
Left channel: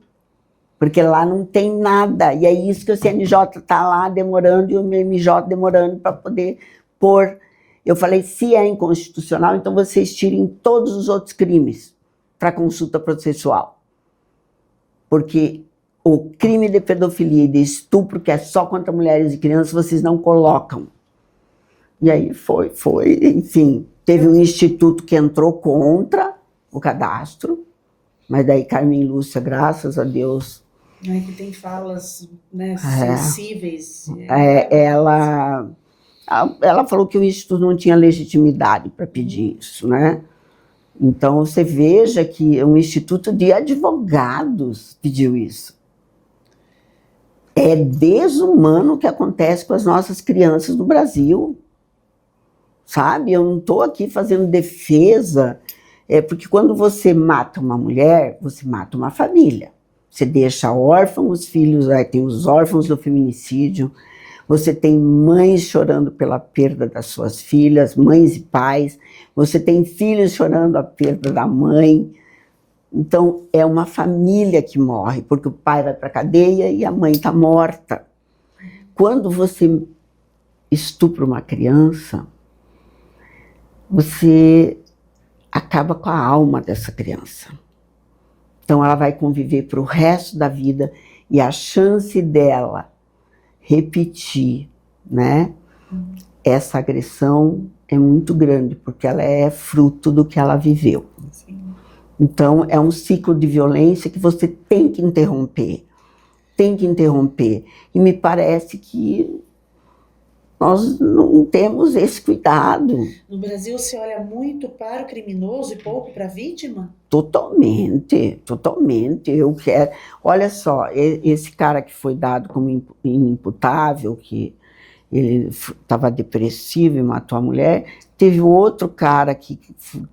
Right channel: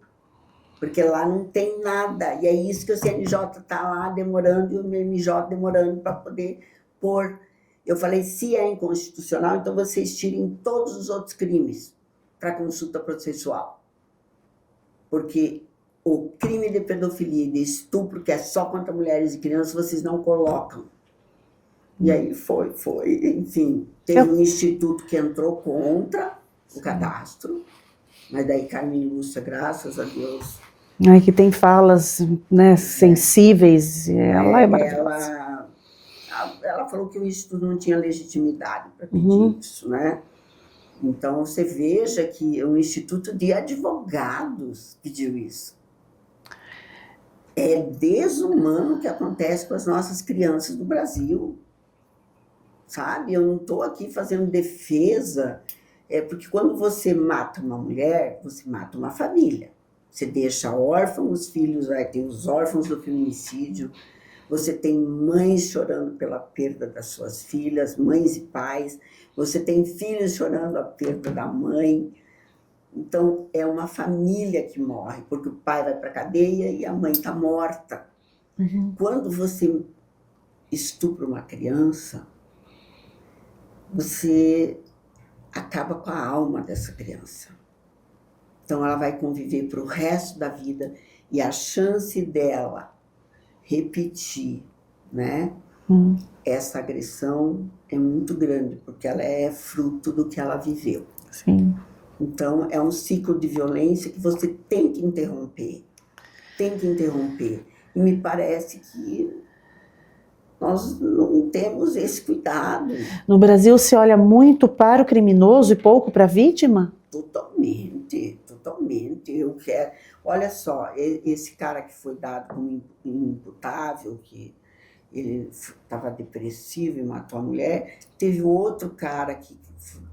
Porque lá não tem nada. E é isso que o CNJ está lá demorando e o MMJ demorando para poder pôr. Eu falei, se é inconstitucional, então vocês tirem todos os outros crimes para consulta processual. Porque o crime de pedofilia e de estupro, que é só contra mulheres e crianças, vocês não colocam. E aí enfim, teve um instituto que entrou contra o cadastro, mas daí Carmen Lúcia, graças a Deus... que tem falas, né, sensíveis. Ela falou que o instituto não tinha legitimidade para pedir isso, né? Então, você veja que um instituto de advogados pediu isso. É desumano o que acontece com as nossas crianças no Brasil. Sabe? Eu não estou aqui fazendo defesa, porque quando você mata uma mulher, você mata uma família. Você deixa órfãos, os filhos, tem os órfãos do feminicídio, você tem mães chorando pela perda das suas filhas, mães e pais, você tem filhos chorando a perda da mãe. Então, é uma família que morre, porque o pai vai para a cadeia e a mãe está morta. Uhum. Quando você estupra uma criança, você acaba com a alma dessa criança. Então, ela vai conviver para o resto da vida e a chance dela repetir, né, essa agressão é muito grande, porque ela é fruto do que ela viveu. Sim. Então, é um ciclo de violência que você tem que interromper. Tem que interromper. E me parece que nós não temos esse cuidado. No Brasil se olha muito para o criminoso e pouco para a vítima? Totalmente, totalmente. Eu quero. Olha só, esse cara que foi dado como inimputável, que ele estava depressivo e matou a mulher, teve outro cara que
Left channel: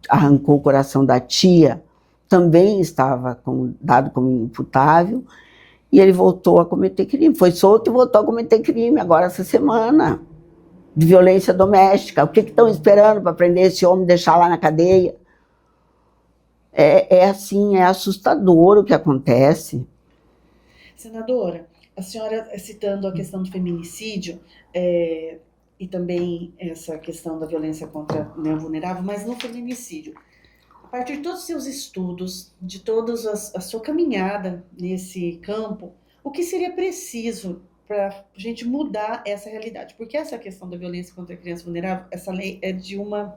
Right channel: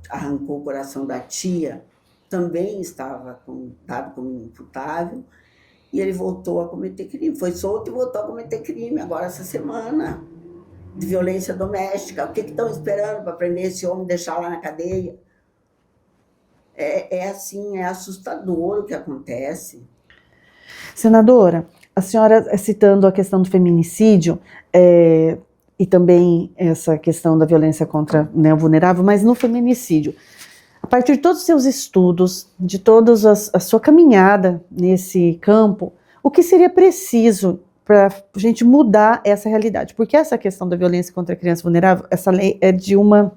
arrancou o coração da tia, também estava dado como inimputável, e ele voltou a cometer crime. Foi solto e voltou a cometer crime agora essa semana, de violência doméstica. O que estão esperando para prender esse homem e deixar lá na cadeia? É assim, é assustador o que acontece. Senadora, a senhora citando a questão do feminicídio e também essa questão da violência contra o vulnerável, mas no feminicídio, a partir de todos os seus estudos, de toda a sua caminhada nesse campo, o que seria preciso para a gente mudar essa realidade? Porque essa questão da violência contra a criança vulnerável, essa lei é de uma...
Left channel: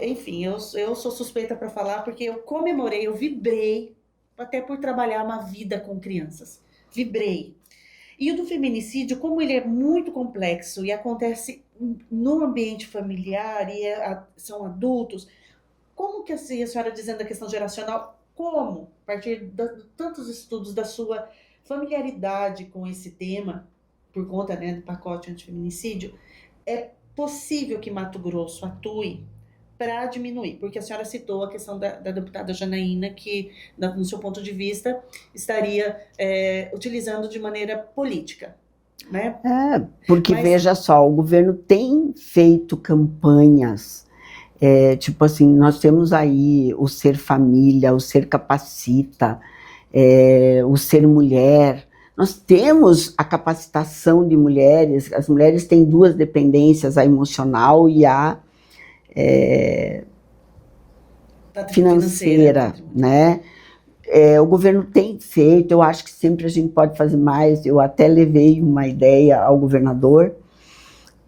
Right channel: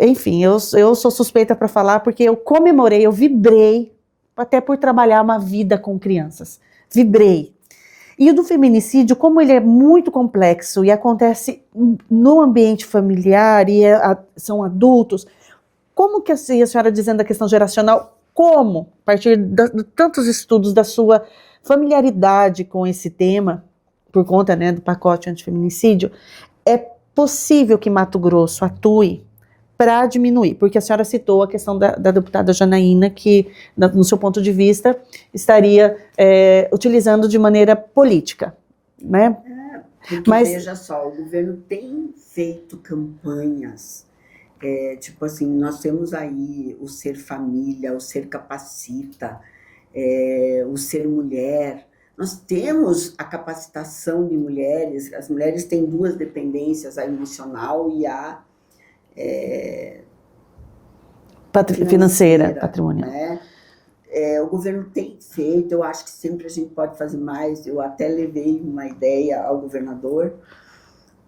Enfim, eu sou suspeita para falar porque eu comemorei, eu vibrei, até por trabalhar uma vida com crianças. Vibrei. E o do feminicídio, como ele é muito complexo e acontece no ambiente familiar e são adultos, como que a senhora dizendo a questão geracional, como, a partir de tantos estudos da sua familiaridade com esse tema, por conta, né, do pacote antifeminicídio, é possível que Mato Grosso atue para diminuir? Porque a senhora citou a questão da deputada Janaína, que, no seu ponto de vista, estaria utilizando de maneira política, né? Porque veja só, o governo tem feito campanhas, tipo assim, nós temos aí o Ser Família, o Ser Capacita, o Ser Mulher. Nós temos a capacitação de mulheres, as mulheres têm duas dependências, a emocional e a financeira, patrimônio, né? O governo tem feito, eu acho que sempre a gente pode fazer mais. Eu até levei uma ideia ao governador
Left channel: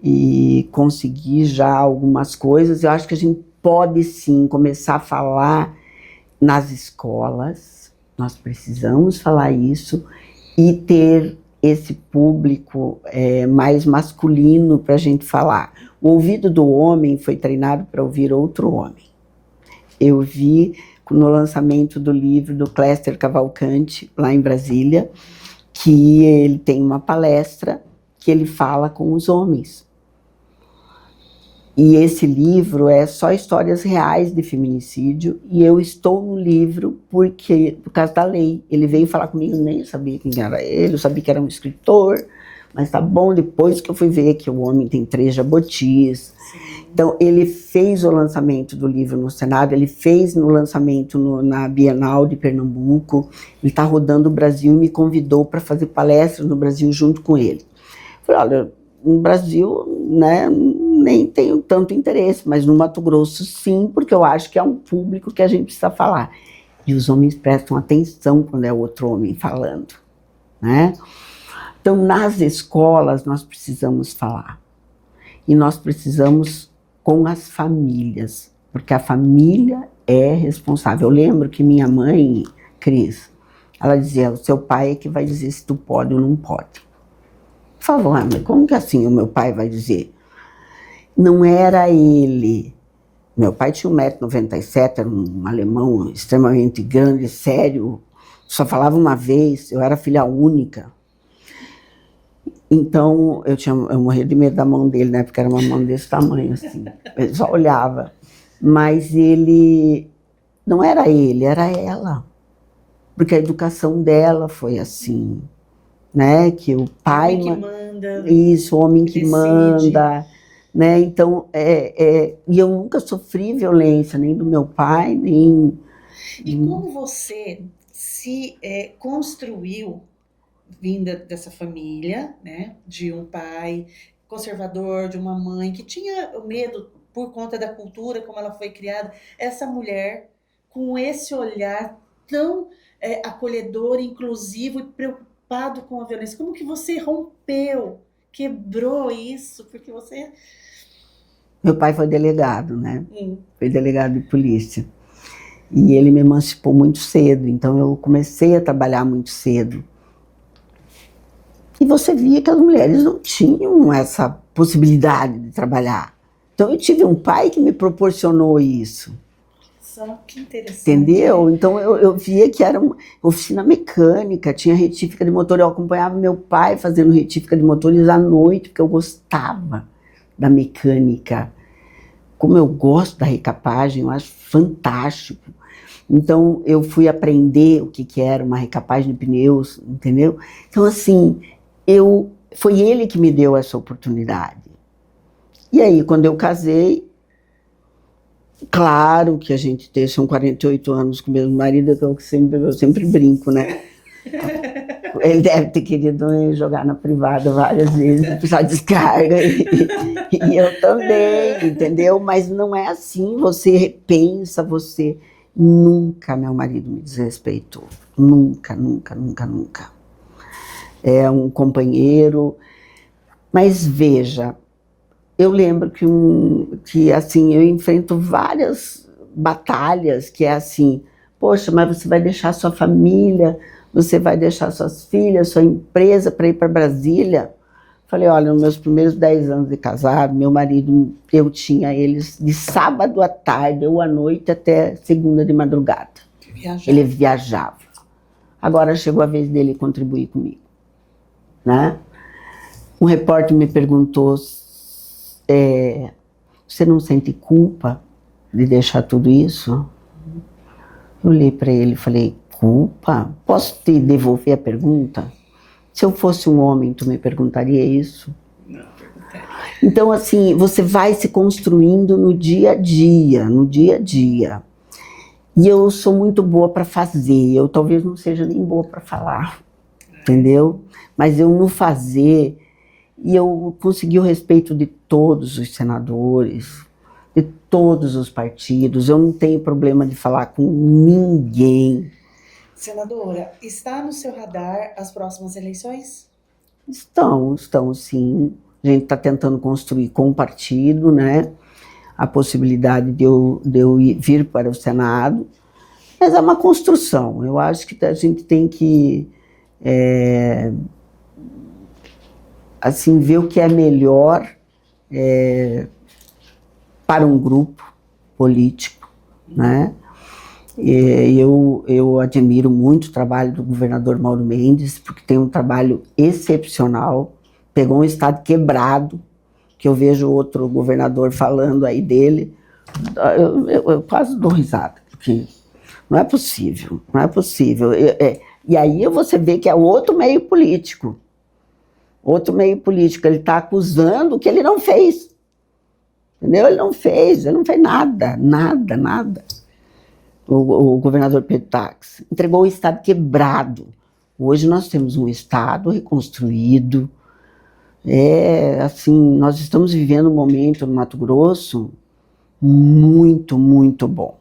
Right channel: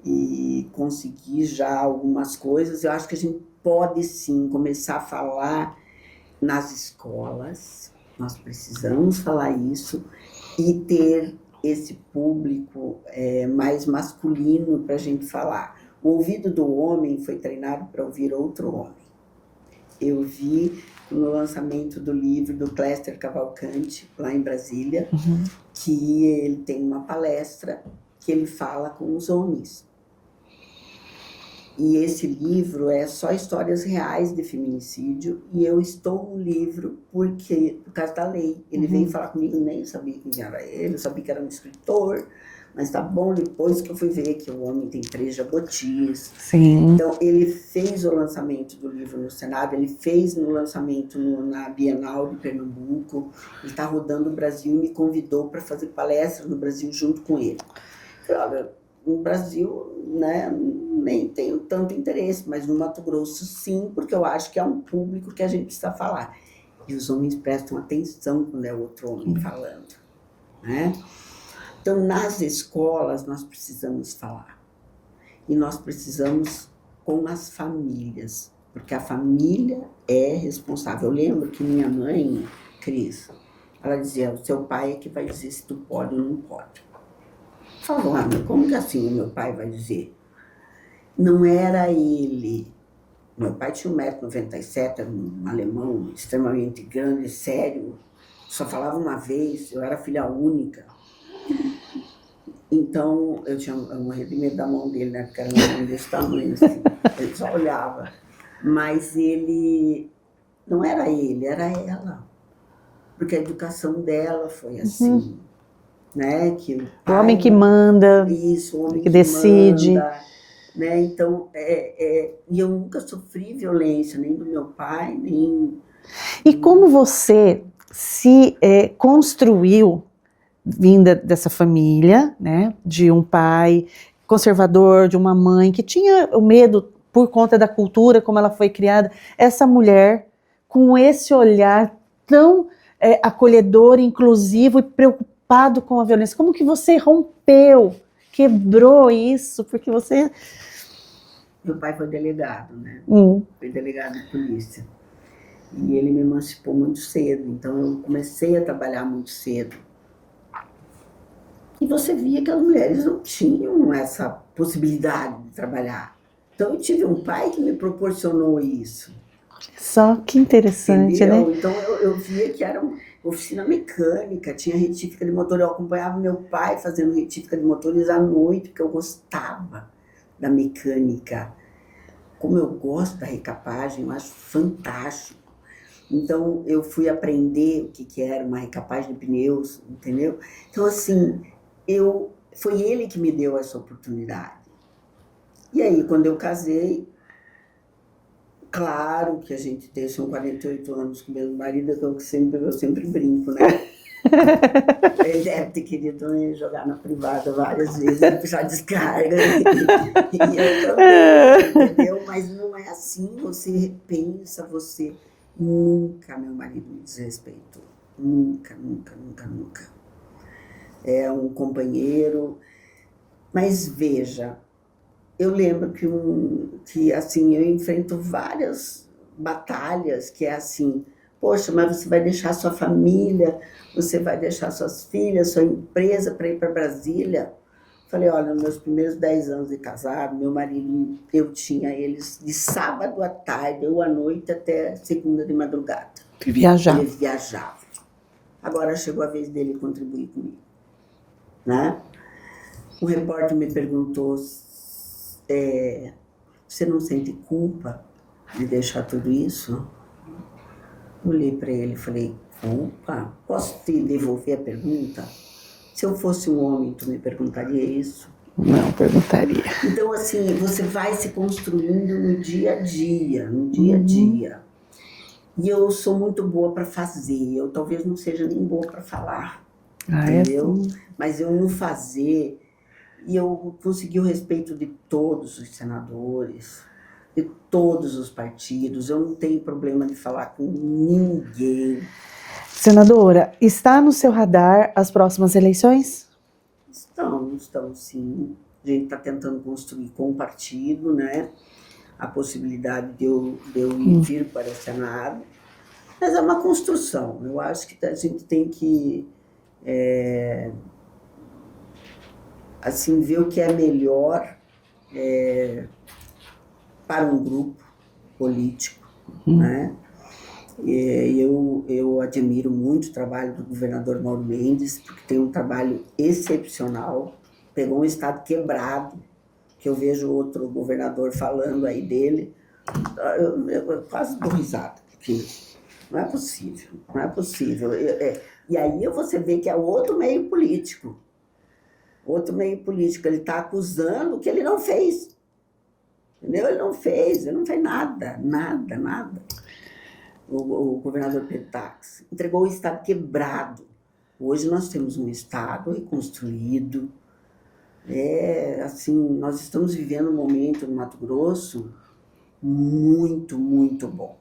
e consegui já algumas coisas. Eu acho que a gente pode sim começar a falar nas escolas, nós precisamos falar isso e ter esse público mais masculino para a gente falar. O ouvido do homem foi treinado para ouvir outro homem. Eu vi no lançamento do livro do Cléster Cavalcante, lá em Brasília, que ele tem uma palestra que ele fala com os homens. E esse livro é só histórias reais de feminicídio, e eu estou no livro por causa da lei. Ele veio falar comigo, nem sabia quem era ele, eu sabia que era um escritor, mas tá bom, depois que eu fui ver que o homem tem 3 jabotis. Sim. Então, ele fez o lançamento do livro no Senado, ele fez no lançamento na Bienal de Pernambuco, ele está rodando o Brasil e me convidou para fazer palestras no Brasil junto com ele. Eu falei, olha, no Brasil, né, nem tenho tanto interesse, mas no Mato Grosso sim, porque eu acho que é um público que a gente precisa falar. E os homens prestam atenção quando é outro homem falando, né? Então, nas escolas, nós precisamos falar. E nós precisamos com as famílias, porque a família é responsável. Eu lembro que minha mãe, Cris, ela dizia, o seu pai é que vai dizer se tu pode ou não pode. Por favor, Ana, como que assim o meu pai vai dizer? Não era ele, Meu pai tinha 1,97 m, era um alemão extremamente grande, sério, só falava uma vez, eu era filha única. Então, eu morria de medo da mão dele, né? Porque era uma mão desse tamanho, assim. Ele só olhava. Mas ele... Não era ele, era ela. Porque a educação dela foi assim, né? Que o pai... O homem que manda. Isso, o homem que decide. manda. Né? Então, e eu nunca sofri violência, nem do meu pai, nem... E como você se construiu vinda dessa família, né, de um pai conservador, de uma mãe que tinha o medo por conta da cultura, como ela foi criada, essa mulher com esse olhar tão acolhedor, inclusivo e preocupado com a violência, como que você rompeu, quebrou isso, porque você... Meu pai foi delegado, né? Foi delegado de polícia. E ele me emancipou muito cedo, então eu comecei a trabalhar muito cedo. E você via que as mulheres não tinham essa possibilidade de trabalhar. Então eu tive um pai que me proporcionou isso. Só que interessante, entendeu? Né? Então eu via que era uma oficina mecânica, tinha retífica de motor. Eu acompanhava meu pai fazendo retífica de motores à noite, porque eu gostava da mecânica. Como eu gosto da recapagem, eu acho fantástico. Então eu fui aprender o que era uma recapagem de pneus, entendeu? Então assim... foi ele que me deu essa oportunidade. E aí, quando eu casei, claro que a gente tem, são 48 anos com o mesmo marido, então eu sempre brinco, né? Ele deve ter querido me jogar na privada várias vezes, precisar de descarga, e eu também, entendeu? Mas não é assim, você repensa, você... Nunca meu marido me desrespeitou, nunca, nunca, nunca, nunca. É um companheiro, mas veja, eu lembro que assim, eu enfrento várias batalhas que é assim, poxa, mas você vai deixar sua família, você vai deixar suas filhas, sua empresa para ir para Brasília? Falei, olha, nos meus primeiros 10 anos de casado, meu marido, eu tinha eles de sábado à tarde ou à noite até segunda de madrugada. Viajava. Ele viajava. Agora chegou a vez dele contribuir comigo. Né? Um repórter me perguntou, você não sente culpa de deixar tudo isso? Eu olhei para ele e falei, culpa? Posso te devolver a pergunta? Se eu fosse um homem, tu me perguntaria isso? Não, perguntaria. Então, assim, você vai se construindo no dia a dia, no dia a dia. E eu sou muito boa para fazer, eu talvez não seja nem boa para falar. Entendeu? Mas eu no fazer, e eu consegui o respeito de todos os senadores, de todos os partidos, eu não tenho problema de falar com ninguém. Senadora, está no seu radar as próximas eleições? Estão sim. A gente está tentando construir com o partido, né, a possibilidade de eu vir para o Senado, mas é uma construção. Eu acho que a gente tem que assim, ver o que é melhor para um grupo político, né? Eu admiro muito o trabalho do governador Mauro Mendes, porque tem um trabalho excepcional, pegou um estado quebrado, que eu vejo outro governador falando aí dele, eu quase dou risada, porque não é possível, não é possível. E aí você vê que é outro meio político. Outro meio político, ele está acusando o que ele não fez. Entendeu? Ele não fez nada, nada, nada. O governador Pedro Táxi entregou o estado quebrado. Hoje nós temos um estado reconstruído. Assim, nós estamos vivendo um momento no Mato Grosso muito, muito bom.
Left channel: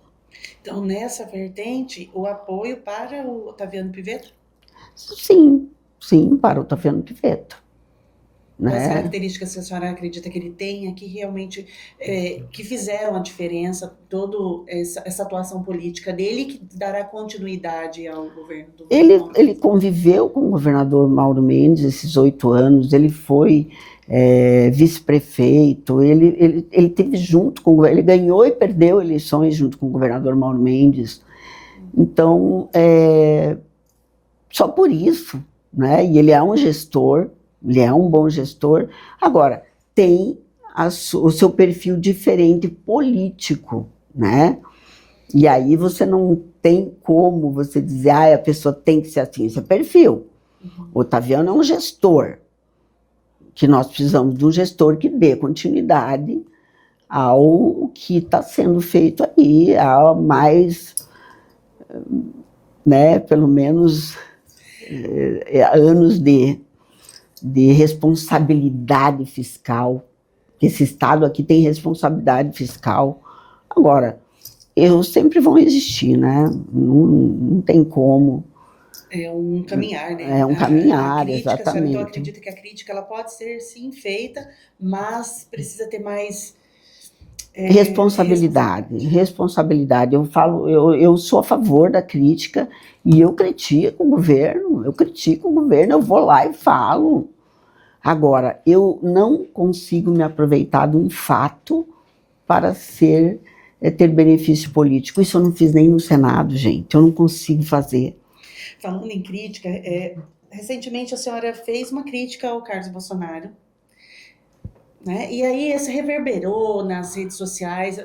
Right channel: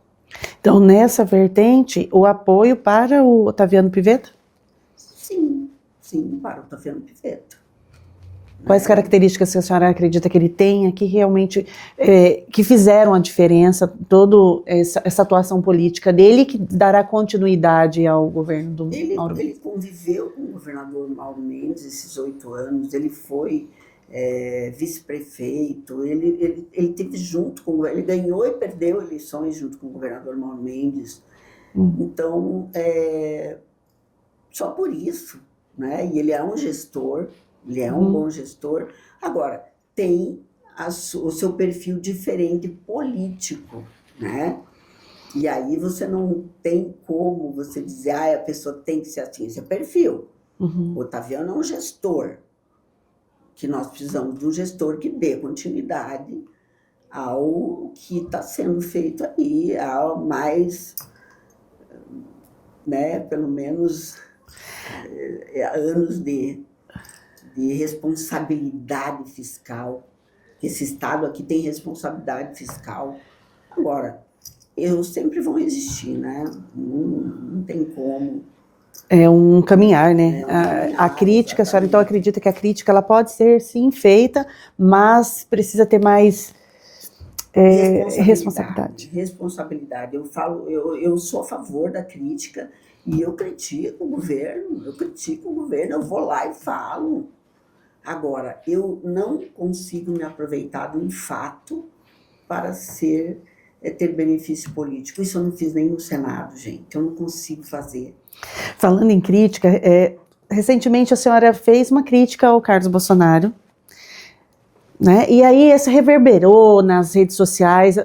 Então, nessa vertente, o apoio para o Otaviano Pivetta? Sim, para o Otaviano Pivetta. Quais características que a senhora acredita que ele tenha que realmente que fizeram a diferença, toda essa atuação política dele, que dará continuidade ao governo do Mauro? Ele conviveu com o governador Mauro Mendes esses 8 anos, ele foi vice-prefeito, ele teve junto com o governo, ele ganhou e perdeu eleições junto com o governador Mauro Mendes. Então, só por isso, né? E ele é um gestor, ele é um bom gestor. Agora, tem o seu perfil diferente político, né? E aí você não tem como você dizer, a pessoa tem que ser assim, esse é perfil. O Otaviano é um gestor, que nós precisamos de um gestor que dê continuidade ao que está sendo feito aí, há mais, né, pelo menos anos de responsabilidade fiscal. Esse Estado aqui tem responsabilidade fiscal. Agora, erros sempre vão existir, né? Não tem como. É um caminhar, né? É um caminhar, a crítica, exatamente. A senhora então acredita que a crítica ela pode ser sim feita, mas precisa ter mais responsabilidade. Eu sou a favor da crítica e eu critico o governo, eu vou lá e falo. Agora, eu não consigo me aproveitar de um fato para ter benefício político. Isso eu não fiz nem no Senado, gente. Eu não consigo fazer. Falando em crítica, recentemente a senhora fez uma crítica ao Carlos Bolsonaro, né? E aí esse reverberou nas redes sociais,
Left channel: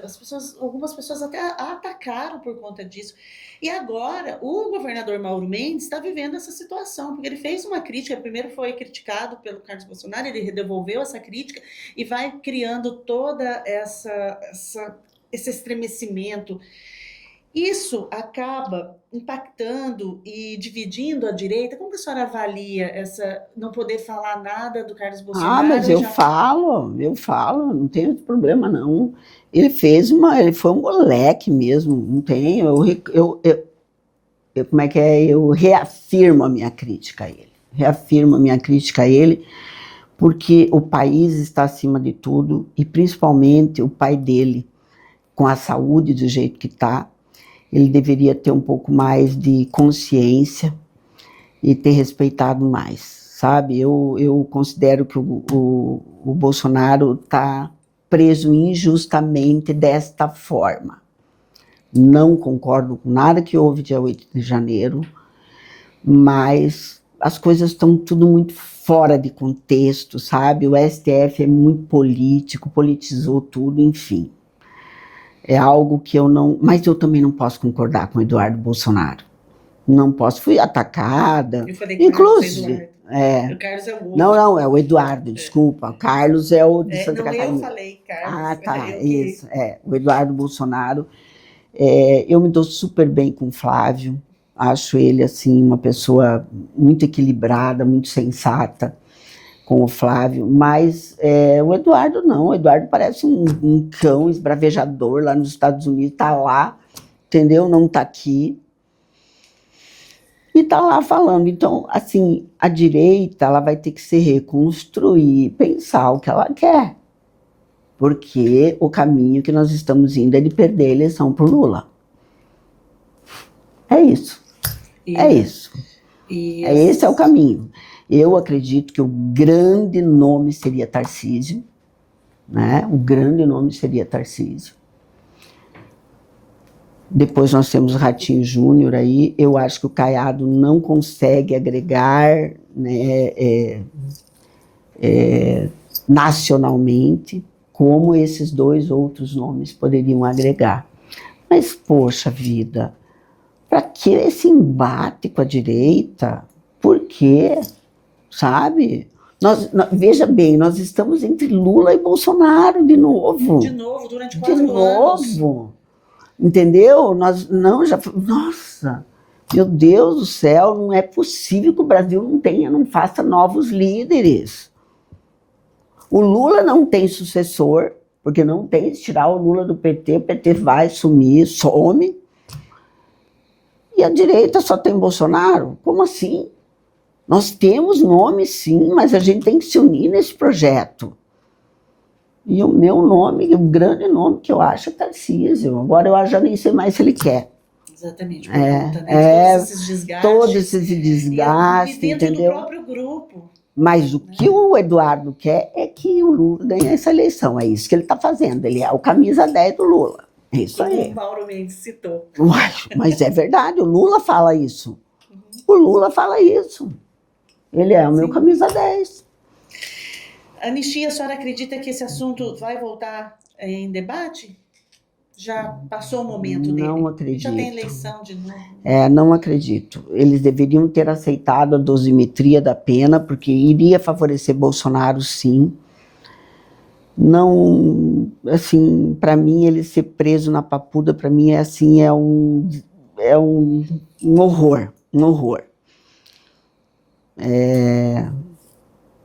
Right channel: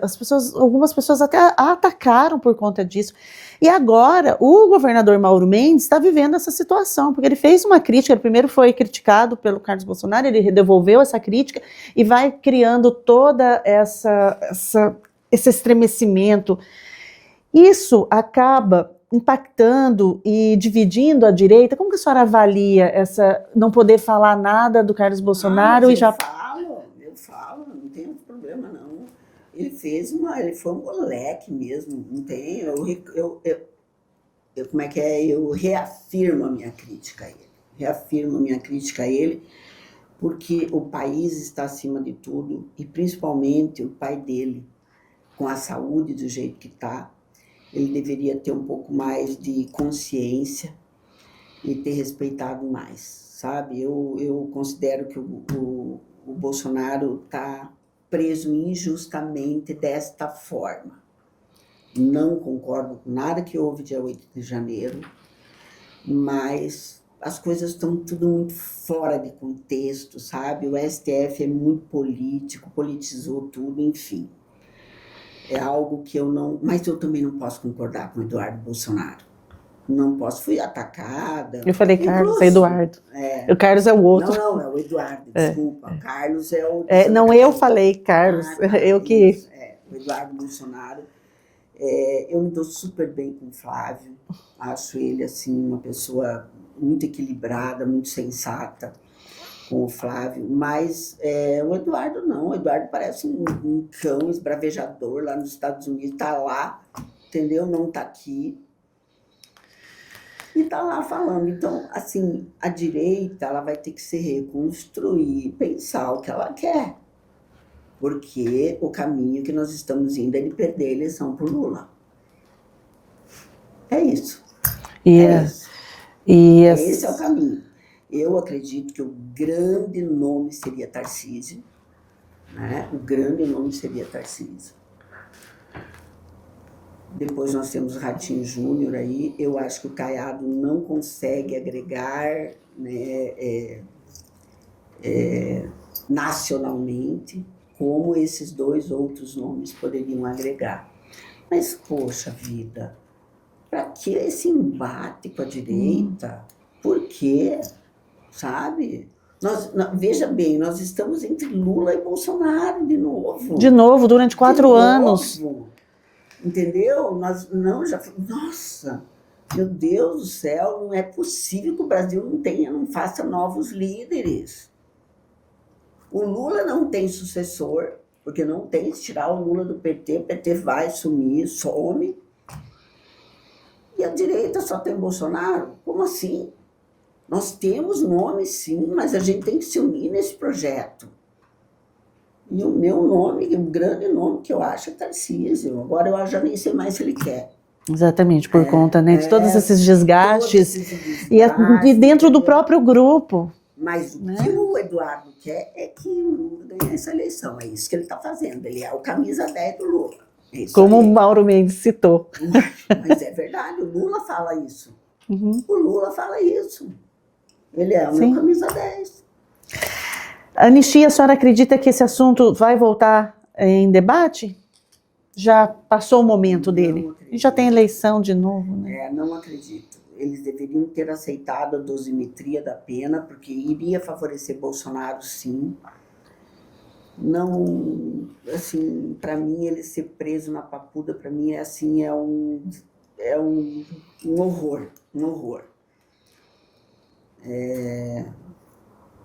algumas pessoas até a atacaram por conta disso. E agora o governador Mauro Mendes está vivendo essa situação, porque ele fez uma crítica, ele primeiro foi criticado pelo Carlos Bolsonaro, ele devolveu essa crítica e vai criando toda esse estremecimento. Isso acaba impactando e dividindo a direita. Como que a senhora avalia não poder falar nada do Carlos Bolsonaro? Mas eu falo, não tem problema não. Ele foi um moleque mesmo, não tem, eu reafirmo a minha crítica a ele, porque o país está acima de tudo, e principalmente o pai dele, com a saúde do jeito que está, ele deveria ter um pouco mais de consciência e ter respeitado mais, sabe? Eu considero que o Bolsonaro está preso injustamente desta forma. Não concordo com nada que houve dia 8 de janeiro, mas as coisas estão tudo muito fora de contexto, sabe? O STF é muito político, politizou tudo, enfim. É algo que eu não... Mas eu também não posso concordar com o Eduardo Bolsonaro. Não posso. Fui atacada. Eu falei Carlos, Eduardo. O Carlos é o outro. Não, é o Eduardo, desculpa. O Carlos é o... não, eu falei Carlos. Tá, isso, o Eduardo Bolsonaro. Eu me dou super bem com o Flávio. Acho ele, assim, uma pessoa muito equilibrada, muito sensata. Com o Flávio, mas o Eduardo não, o Eduardo parece um cão esbravejador lá nos Estados Unidos, tá lá, entendeu? Não tá aqui. E tá lá falando. Então, assim, a direita, ela vai ter que se reconstruir, pensar o que ela quer. Porque o caminho que nós estamos indo é de perder a eleição por Lula. É isso. Isso. Esse é o caminho. Eu acredito que o grande nome seria Tarcísio, né? O grande nome seria Tarcísio. Depois nós temos o Ratinho Júnior aí. Eu acho que o Caiado não consegue agregar, né, nacionalmente como esses dois outros nomes poderiam agregar. Mas, poxa vida, para que esse embate com a direita? Por quê? Sabe? Veja bem, nós estamos entre Lula e Bolsonaro de novo. De novo, durante 4 anos. Entendeu? Nossa, meu Deus do céu, não é possível que o Brasil não faça novos líderes. O Lula não tem sucessor, porque não tem, se tirar o Lula do PT, o PT vai sumir, some. E a direita só tem Bolsonaro? Como assim? Nós temos nome, sim, mas a gente tem que se unir nesse projeto. E o meu nome, o grande nome que eu acho é Tarcísio. Agora eu já nem sei mais se ele quer. Exatamente, por conta, né, de todos esses desgastes. Todo esse desgaste. E dentro do próprio grupo. Mas o que o Eduardo quer é que o Lula ganhe essa eleição. É isso que ele está fazendo. Ele é o camisa 10 do Lula. É isso Como aí. o Mauro Mendes citou. Mas é verdade, o Lula fala isso. Uhum. O Lula fala isso. Ele é o meu camisa 10. Anistia, a senhora acredita que esse assunto vai voltar em debate? Já passou o momento dele? Não acredito. Já tem eleição de novo? Não acredito. Eles deveriam ter aceitado a dosimetria da pena, porque iria favorecer Bolsonaro, sim. Não, assim, para mim, ele ser preso na Papuda, para mim, é um horror, um horror.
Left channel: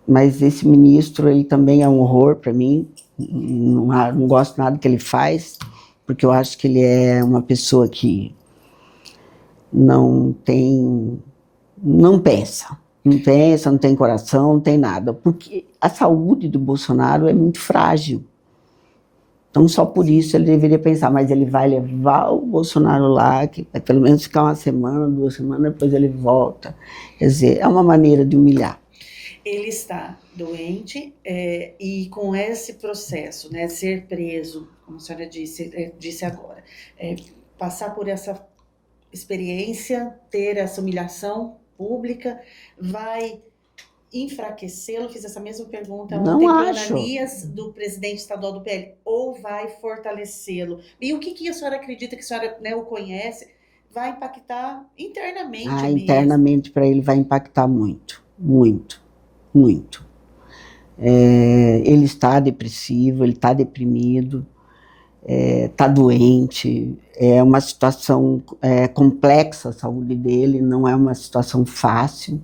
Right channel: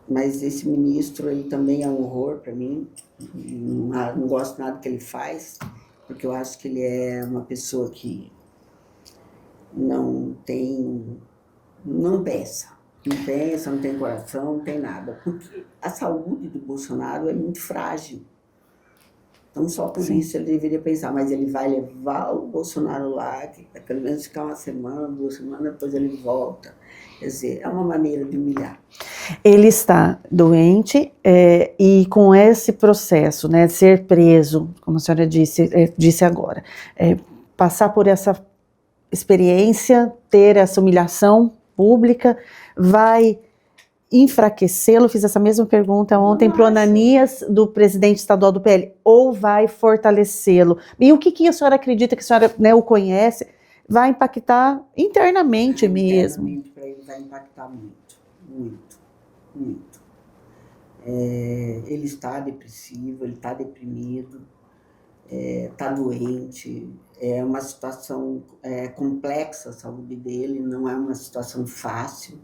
Mas esse ministro aí também é um horror para mim. Não gosto nada que ele faz, porque eu acho que ele é uma pessoa que não pensa, não tem coração, não tem nada, porque a saúde do Bolsonaro é muito frágil. Então, só por isso ele deveria pensar, mas ele vai levar o Bolsonaro lá, que vai pelo menos ficar uma semana, 2 semanas, depois ele volta. Quer dizer, é uma maneira de humilhar. Ele está doente e com esse processo, né, de ser preso, como a senhora disse agora, passar por essa experiência, ter essa humilhação pública, vai enfraquecê-lo? Fiz essa mesma pergunta ontem para o Ananias, do presidente estadual do PL, ou vai fortalecê-lo? E o que a senhora acredita, que a senhora, né, o conhece, vai impactar internamente mesmo? Internamente para ele vai impactar muito, muito, muito. Ele está depressivo, ele está deprimido, está doente, é uma situação complexa a saúde dele, não é uma situação fácil.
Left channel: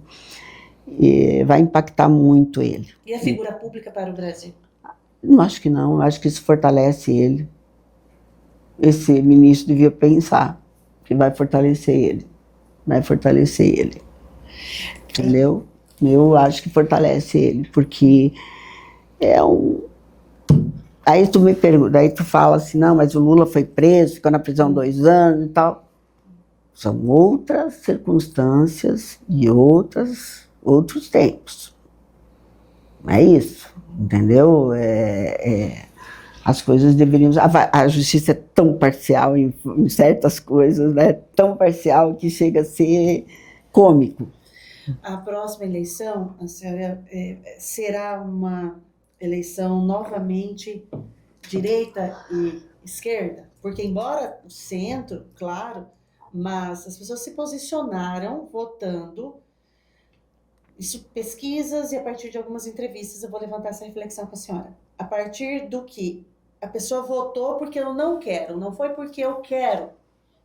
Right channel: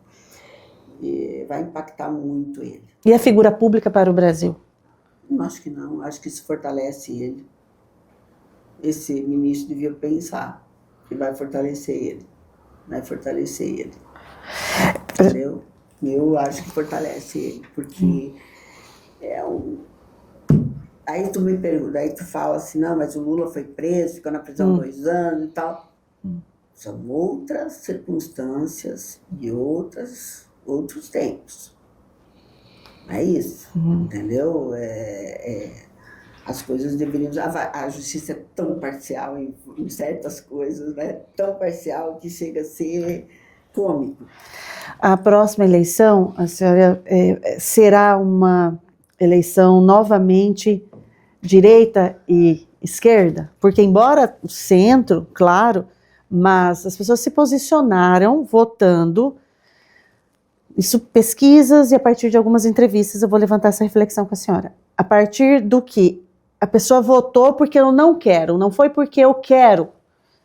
E vai impactar muito ele. E a figura pública para o Brasil? Não, acho que não, acho que isso fortalece ele. Esse ministro devia pensar que vai fortalecer ele. Entendeu? Eu acho que fortalece ele, porque Aí tu me pergunta, aí tu fala assim, não, mas o Lula foi preso, ficou na prisão 2 anos e tal. São outras circunstâncias e outros tempos. É isso, entendeu? As coisas deveriam... A justiça é tão parcial em certas coisas, né? Tão parcial que chega a ser cômico. A próxima eleição, a senhora, será uma eleição novamente direita e esquerda? Porque embora o centro, claro, mas as pessoas se posicionaram votando. Isso, pesquisas, e a partir de algumas entrevistas eu vou levantar essa reflexão com a senhora. A partir do que a pessoa votou porque eu não quero, não foi porque eu quero.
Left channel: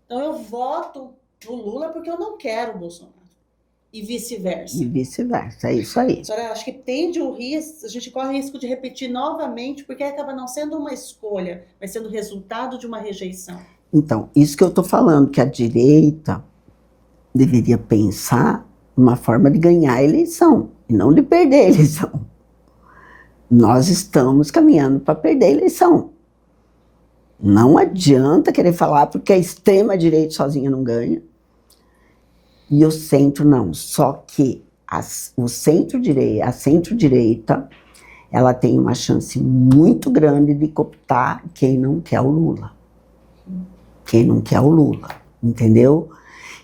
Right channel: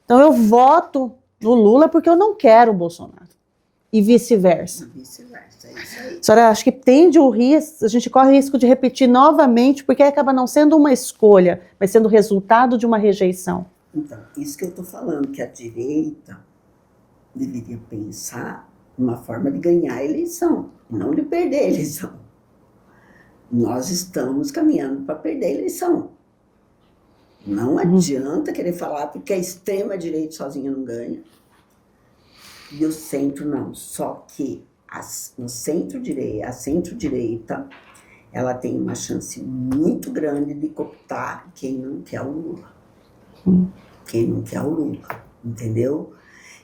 Então eu voto no Lula porque eu não quero o Bolsonaro. E vice-versa. É isso aí. A senhora acha que tende o risco, a gente corre o risco de repetir novamente, porque acaba não sendo uma escolha, mas sendo resultado de uma rejeição? Então, isso que eu estou falando, que a direita deveria pensar uma forma de ganhar a eleição, e não de perder a eleição. Nós estamos caminhando para perder a eleição. Não adianta querer falar porque a extrema-direita sozinha não ganha. E o centro não. Só que a centro-direita, ela tem uma chance muito grande de cooptar quem não quer o Lula. Quem não quer o Lula, entendeu?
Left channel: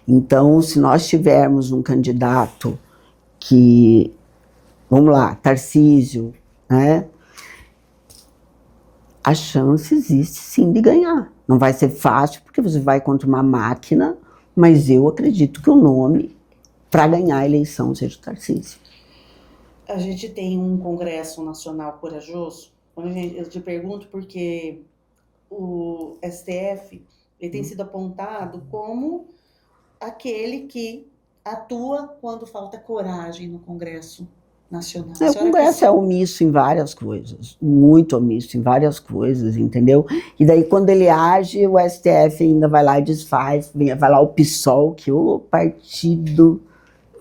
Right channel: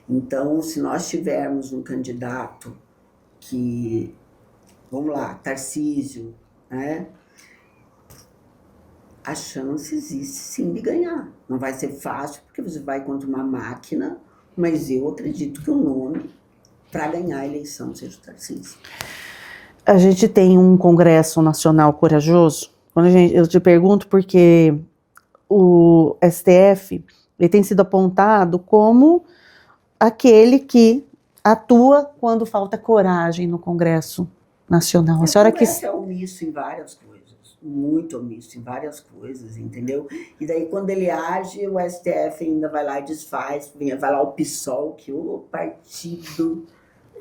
Então, se nós tivermos um candidato que, vamos lá, Tarcísio, né? A chance existe sim de ganhar. Não vai ser fácil, porque você vai contra uma máquina, mas eu acredito que o nome para ganhar a eleição seja o Tarcísio. A gente tem um Congresso Nacional corajoso? Eu te pergunto porque o STF ele tem sido apontado como aquele que atua quando falta coragem no Congresso Nacional. O Congresso é omisso em várias coisas, muito omisso em várias coisas, entendeu? E daí quando ele age, o STF ainda vai lá e desfaz, vai lá o PSOL, que é o partido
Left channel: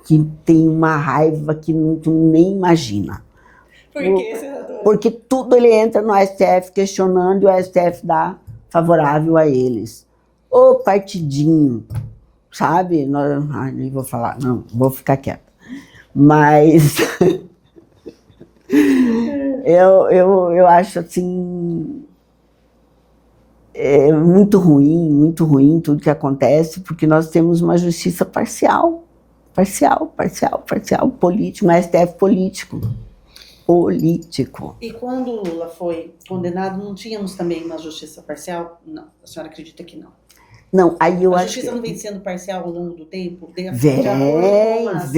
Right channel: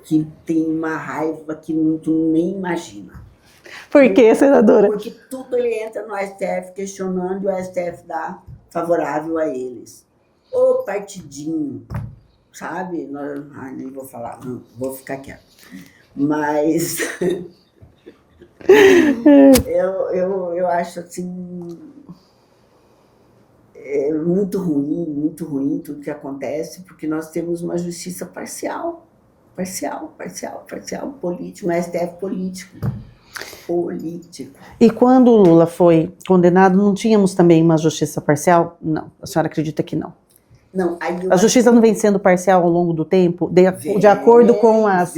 que tem uma raiva que tu nem imagina. Por quê, senadora? Porque tudo ele entra no STF questionando e o STF dá favorável a eles. O partidinho, sabe? Nem vou falar, não, vou ficar quieta. Mas Eu acho assim, muito ruim tudo que acontece, porque nós temos uma justiça parcial, político, um STF político. E quando o Lula foi condenado, não tínhamos também uma justiça parcial? Não, a senhora acredita que não? Não, aí a justiça não vem sendo parcial ao longo do tempo, de acordo com as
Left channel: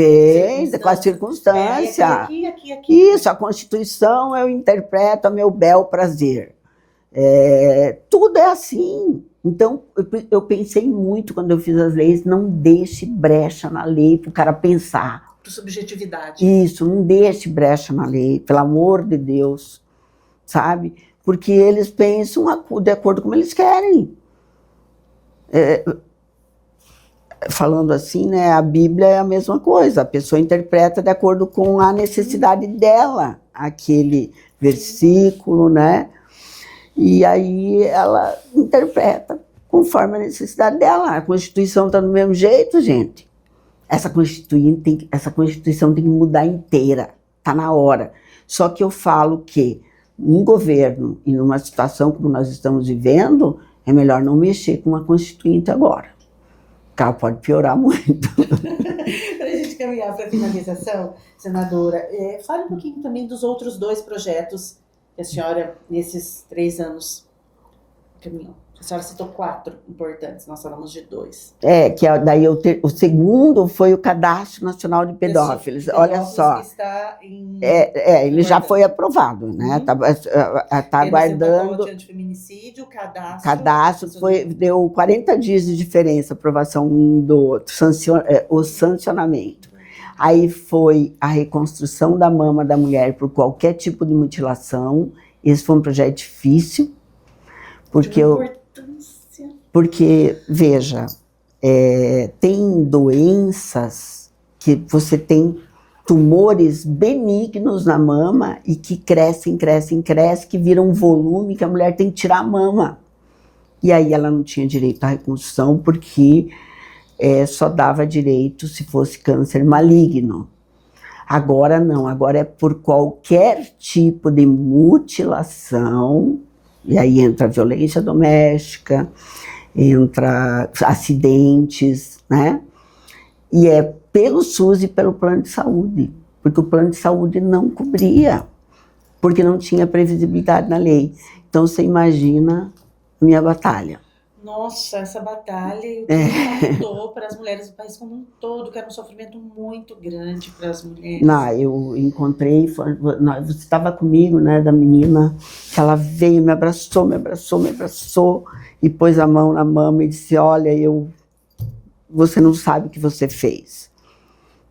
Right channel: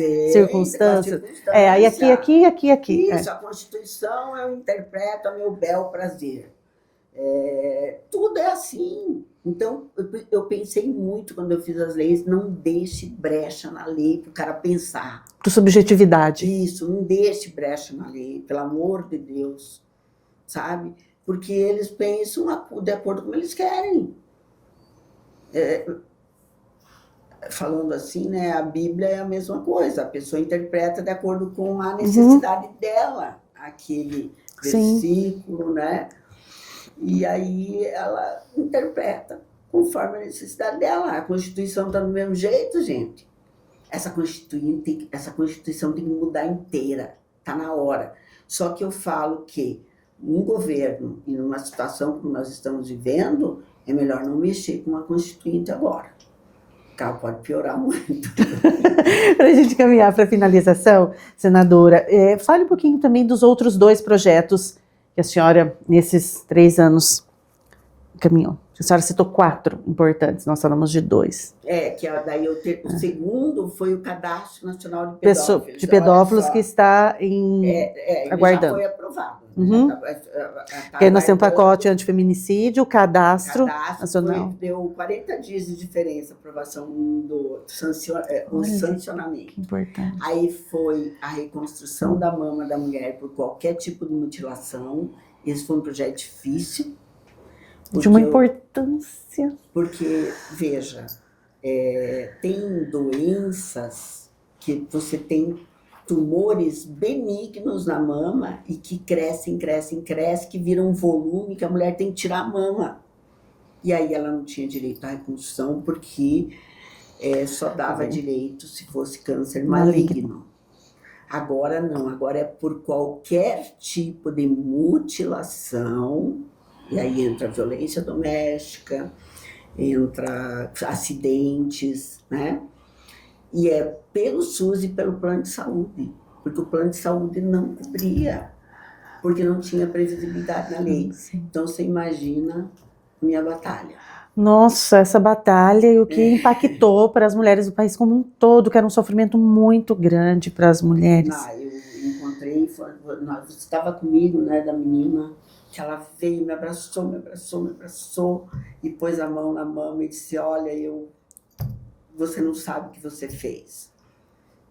circunstâncias? Aí aqui. Isso, a Constituição eu interpreto a meu bel prazer. Tudo é assim. Então, eu pensei muito quando eu fiz as leis, não deixe brecha na lei para o cara pensar. Por subjetividade. Isso, não deixe brecha na lei, pelo amor de Deus, sabe? Porque eles pensam de acordo com como eles querem. Falando assim, né, a Bíblia é a mesma coisa, a pessoa interpreta de acordo com a necessidade dela, aquele versículo, né? E aí ela interpreta conforme a necessidade dela. A Constituição está do mesmo jeito, gente. Essa Constituição tem que mudar inteira, está na hora. Só que eu falo que um governo e numa situação como nós estamos vivendo, é melhor não mexer com a Constituinte agora. Porque ela pode piorar muito. Para a gente caminhar para a finalização, senadora, fale um pouquinho também dos outros 2 projetos que a senhora, nesses 3 anos, caminhou. A senhora citou 4 importantes, nós falamos de 2. Daí o segundo foi o Cadastro Nacional de Pedófilos. De pedófilos que está em... ele já foi aprovado, né? Tá nós temos o pacote antifeminicídio, o cadastro deu 40 dias de diferença, aprovação um do outro, o sancionamento. Importante. Aí foi a reconstrução da mama da mulher por qualquer tipo de mutilação. Esse foi um projeto difícil. De uma importância. Porque, veja, tem doenças que você tem tumores benignos na mama e que crescem, que viram um volume que a mulher tem que tirar a mama. E aí ela não tinha direito à reconstrução porque só dava direito se fosse câncer maligno. Agora não, agora é por qualquer tipo de mutilação. E aí entra violência doméstica, entra acidentes, né? E é pelo SUS e pelo plano de saúde, porque o plano de saúde não cobria, porque não tinha previsibilidade na lei. Então você imagina a minha batalha. Nossa, essa batalha e o que impactou para as mulheres do país como um todo, que era um sofrimento muito grande para as mulheres. Não, eu encontrei, você estava comigo, né, da menina, que ela veio, me abraçou e pôs a mão na mama e disse, olha, você não sabe o que você fez.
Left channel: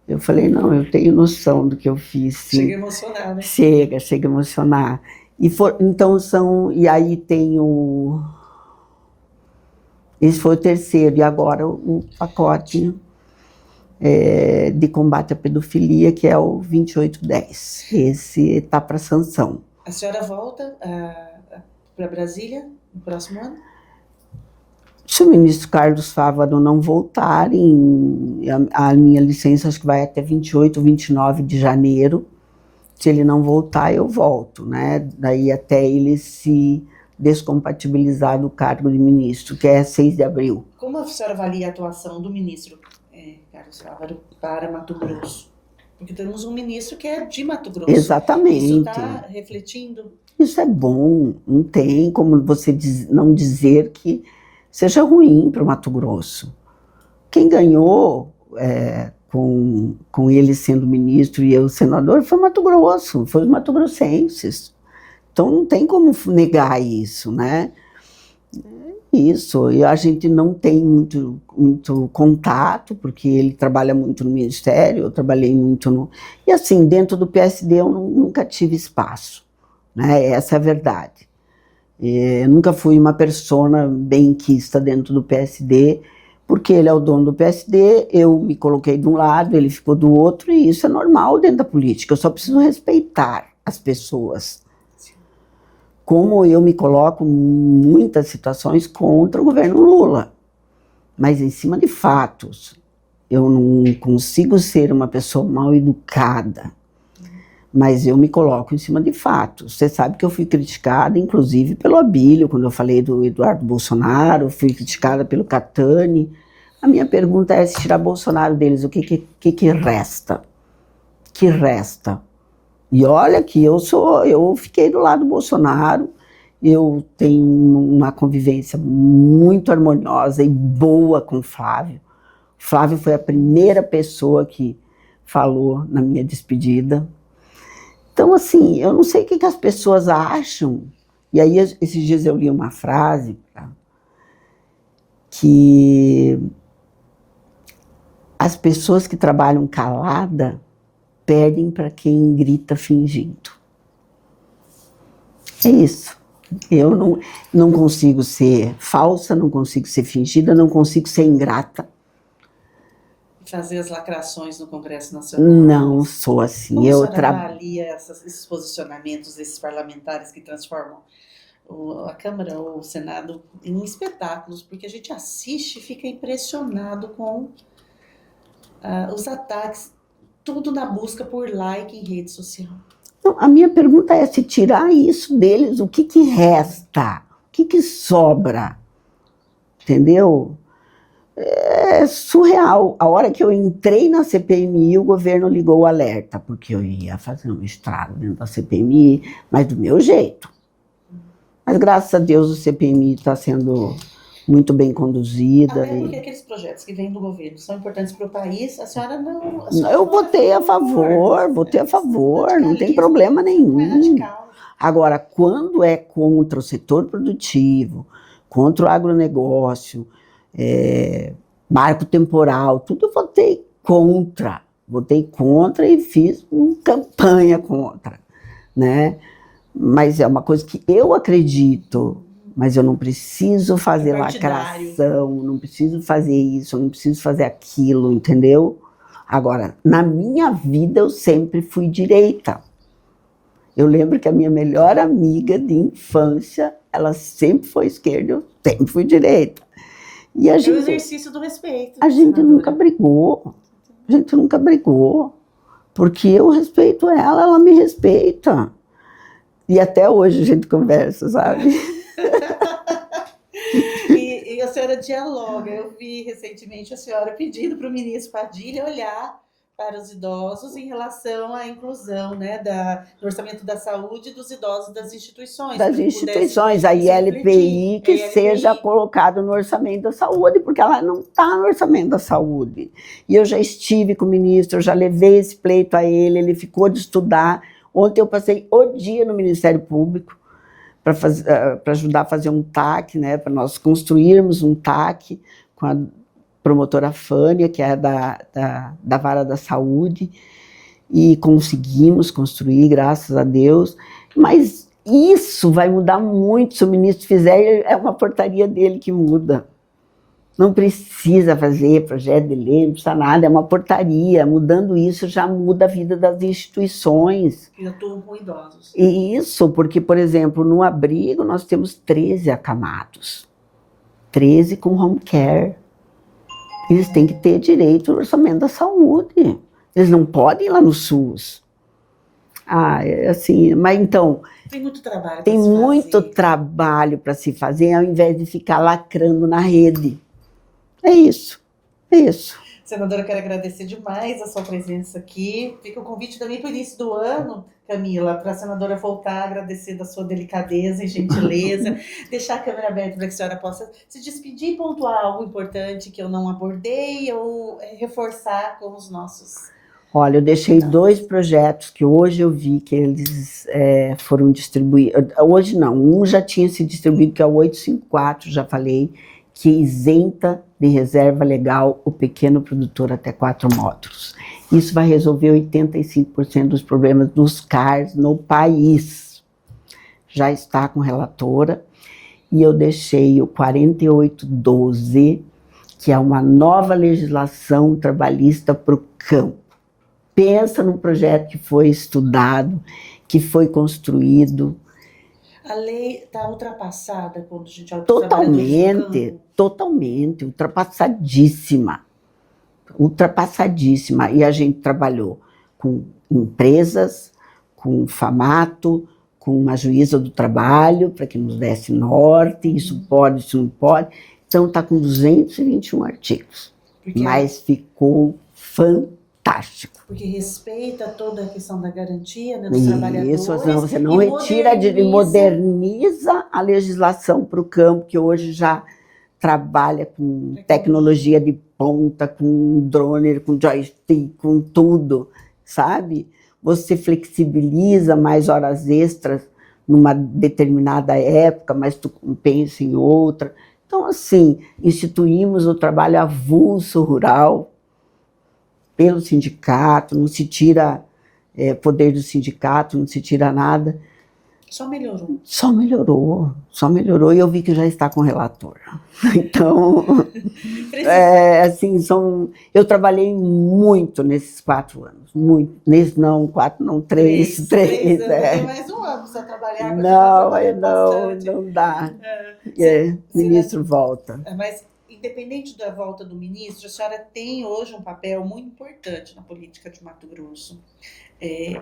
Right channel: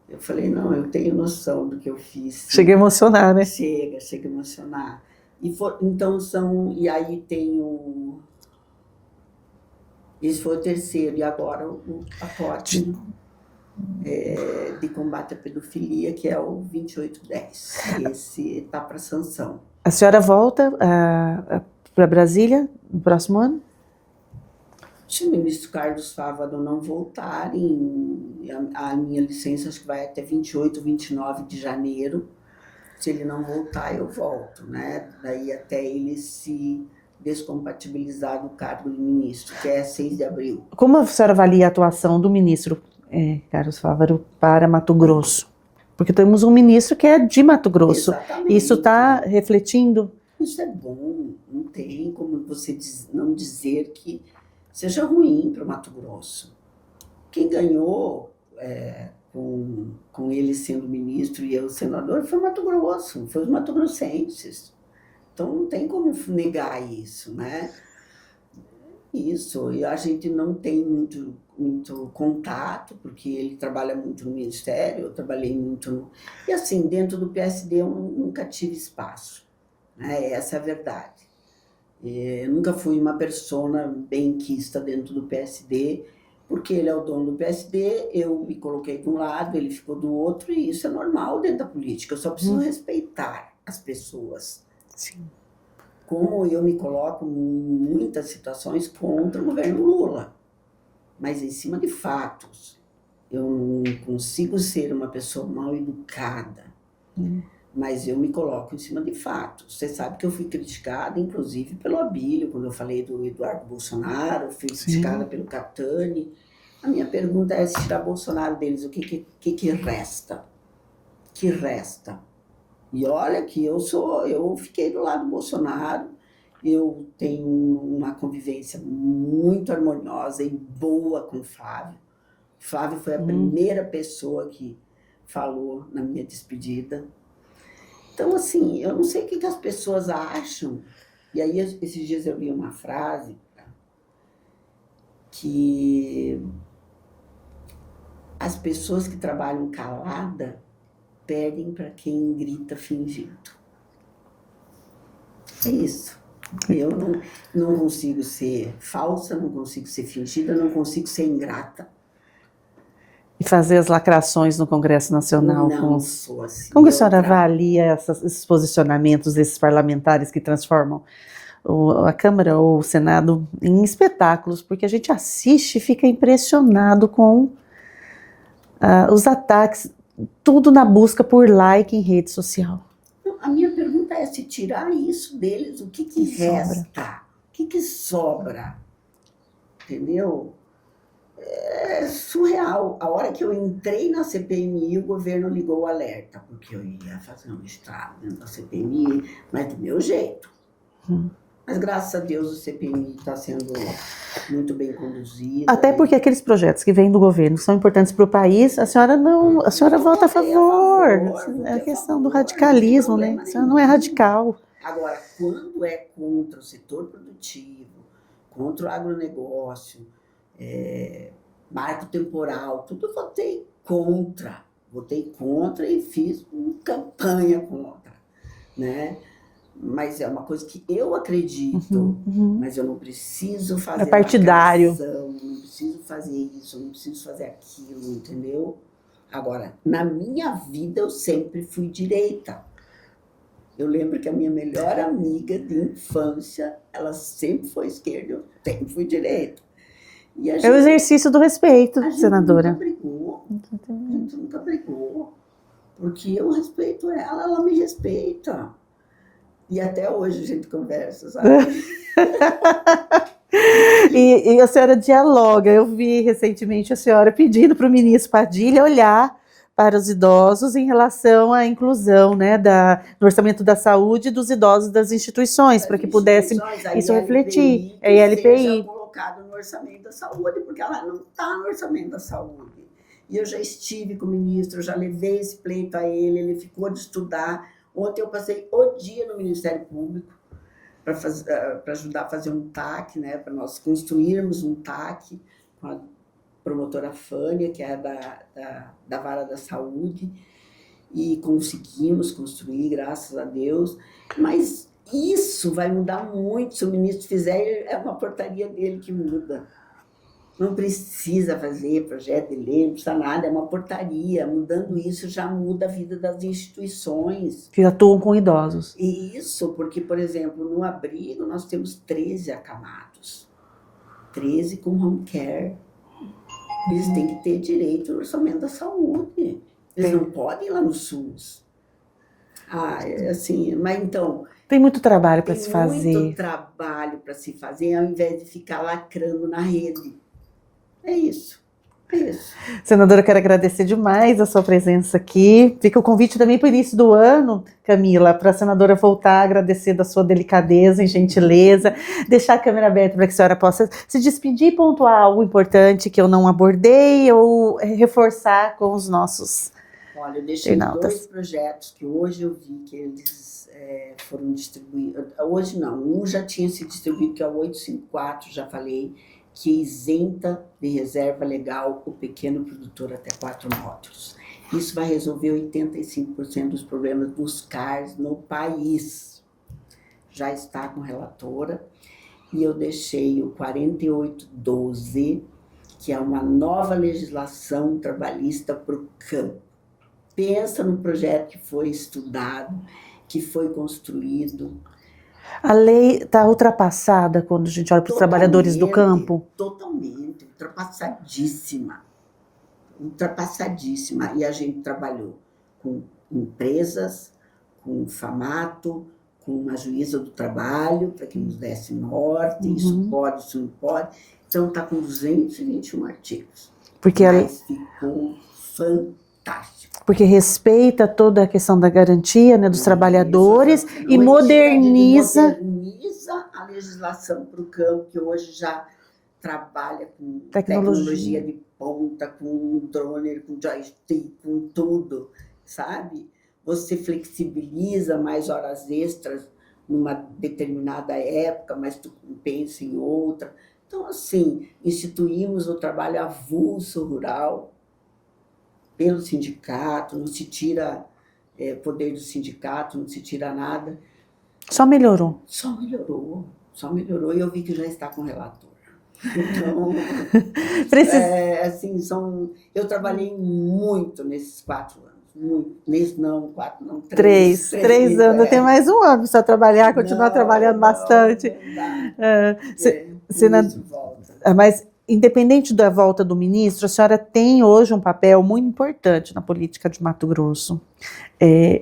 Eu falei, não, eu tenho noção do que eu fiz. Sim. Chega a emocionar, né? Chega a emocionar. E aí tem o... Esse foi o terceiro, e agora o pacote de combate à pedofilia, que é o 2810. Esse está para sanção. A senhora volta para Brasília no próximo ano? Se o ministro Carlos Fávaro não voltar, a minha licença acho que vai até 28, 29 de janeiro. Se ele não voltar, eu volto, né? Daí até ele se descompatibilizar do cargo de ministro, que é 6 de abril. Como a senhora avalia a atuação do ministro Carlos Fávaro para Mato Grosso? Porque temos um ministro que é de Mato Grosso. Exatamente. Isso está refletindo? Isso é bom, não tem como você não dizer que seja ruim para o Mato Grosso. Quem ganhou com ele sendo ministro e eu senador foi o Mato Grosso, foi os mato-grossenses. Então não tem como negar isso, né? Isso, e a gente não tem muito contato, porque ele trabalha muito no Ministério, eu trabalhei muito no... E assim, dentro do PSD eu nunca tive espaço, né? Essa é a verdade. Eu nunca fui uma persona benquista dentro do PSD, porque ele é o dono do PSD, eu me coloquei de um lado, ele ficou do outro, e isso é normal dentro da política, eu só preciso respeitar as pessoas. Sim. Como eu me coloco em muitas situações contra o governo Lula, mas em cima de fatos. Eu não consigo ser uma pessoa mal educada, mas eu me coloco em cima de fatos. Você sabe que eu fui criticada, inclusive, pelo Abílio, quando eu falei do Eduardo Bolsonaro, fui criticada pelo Catani. A minha pergunta é, se tirar Bolsonaro deles, o que resta? Que resta? E olha que eu fiquei do lado do Bolsonaro, eu tenho uma convivência muito harmoniosa e boa com o Flávio. O Flávio foi a primeira pessoa que falou na minha despedida. Então, assim, eu não sei o que as pessoas acham. E aí, esses dias eu li uma frase que as pessoas que trabalham calada perdem para quem grita fingindo. É isso. Eu não consigo ser falsa, não consigo ser fingida, não consigo ser ingrata. E fazer as lacrações no Congresso Nacional. Não sou assim. Como a senhora avalia esses posicionamentos desses parlamentares que transformam a Câmara ou o Senado em espetáculos? Porque a gente assiste e fica impressionado com os ataques, tudo na busca por like em rede social. Então, a minha pergunta é, se tirar isso deles, o que resta? O que sobra? Entendeu? É surreal. A hora que eu entrei na CPMI, o governo ligou o alerta, porque eu ia fazer um estrago dentro da CPMI, mas do meu jeito. Mas graças a Deus o CPMI está sendo muito bem conduzida. Até porque aqueles projetos que vêm do governo são importantes para o país, a senhora não... Eu votei a favor, votei a favor, não tem problema nenhum. Não é radical. Agora, quando é contra o setor produtivo, contra o agronegócio, marco temporal, tudo eu votei contra. Votei contra e fiz uma campanha contra, né? Mas é uma coisa que eu acredito, mas eu não preciso fazer lacração, não preciso fazer isso, não preciso fazer aquilo, entendeu? Agora, na minha vida eu sempre fui direita. Eu lembro que a minha melhor amiga de infância, ela sempre foi esquerda, eu sempre fui direita. E é o exercício do respeito, a gente nunca brigou, a gente nunca brigou, porque eu respeito ela, ela me respeita. E até hoje a gente conversa, sabe? E a senhora dialoga. Eu vi recentemente a senhora pedindo para o ministro Padilha olhar para os idosos em relação à inclusão, né, no orçamento da saúde dos idosos das instituições. Das para que instituições, a ILPI, seja colocado no orçamento da saúde, porque ela não está no orçamento da saúde. E eu já estive com o ministro, eu já levei esse pleito a ele ficou de estudar. Ontem eu passei o dia no Ministério Público para ajudar a fazer um TAC, né, para nós construirmos um TAC com a promotora Fânia, que é da Vara da Saúde, e conseguimos construir, graças a Deus. Mas isso vai mudar muito se o ministro fizer, é uma portaria dele que muda. Não precisa fazer projeto de lei, não precisa nada, é uma portaria. Mudando isso já muda a vida das instituições. Que atuam com idosos. Isso, porque, por exemplo, no abrigo nós temos 13 acamados. 13 com home care. Eles têm que ter direito ao orçamento da saúde. Eles não podem ir lá no SUS. É assim, mas então... Tem muito trabalho para se fazer. Tem muito trabalho para se fazer, ao invés de ficar lacrando na rede. É isso. Senadora, eu quero agradecer demais a sua presença aqui. Fica o convite também para o início do ano, Camila, para a senadora voltar a agradecer da sua delicadeza e gentileza, deixar a câmera aberta para que a senhora possa se despedir e pontuar algo importante que eu não abordei ou reforçar com os nossos. Olha, eu deixei 2 projetos que hoje eu vi que eles foram distribuídos. Hoje não, um já tinha sido distribuído, que é o 854, já falei, que isenta de reserva legal o pequeno produtor até 4 módulos. Isso vai resolver 85% dos problemas dos CARs no país. Já está com relatora. E eu deixei o 4812, que é uma nova legislação trabalhista para o campo. Pensa num projeto que foi estudado, que foi construído. A lei está ultrapassada quando a gente olha para os trabalhadores do campo? Totalmente, ultrapassadíssima. Ultrapassadíssima. E a gente trabalhou com empresas, com o FAMATO, com uma juíza do trabalho, para que nos desse norte, isso pode, isso não pode. Então está com 221 artigos, mas ficou fantástico. Porque respeita toda a questão da garantia, né, dos trabalhadores você não e moderniza a legislação para o campo, que hoje já trabalha com tecnologia de ponta, com drone, com joystick, com tudo, sabe? Você flexibiliza mais horas extras numa determinada época, mas tu compensa em outra. Então, assim, instituímos o trabalho avulso rural pelo sindicato, não se tira poder do sindicato, não se tira nada. Só melhorou. Só melhorou e eu vi que já está com relator. Então, assim, eu trabalhei muito nesses 4 anos, muito. Não, 4 não, 3. 3 anos, tem mais um ano para trabalhar, continuar trabalhando bastante. Não dá. O ministro volta. Mas, independente da volta do ministro, a senhora tem hoje um papel muito importante na política de Mato Grosso,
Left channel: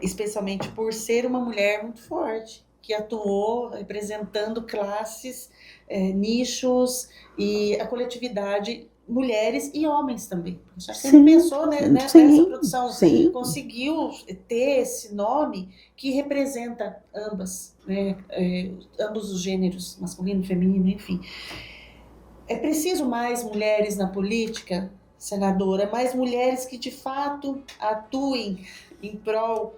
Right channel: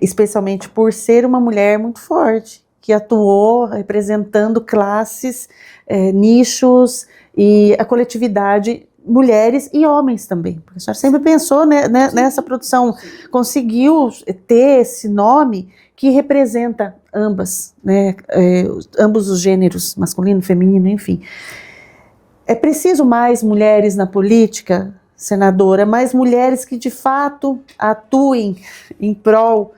especialmente por ser uma mulher muito forte, que atuou representando classes, nichos e a coletividade, mulheres e homens também. Porque a senhora sempre pensou nessa produção, conseguiu ter esse nome que representa ambas, né, ambos os gêneros, masculino, feminino, enfim. É preciso mais mulheres na política, senadora, mais mulheres que de fato atuem em prol.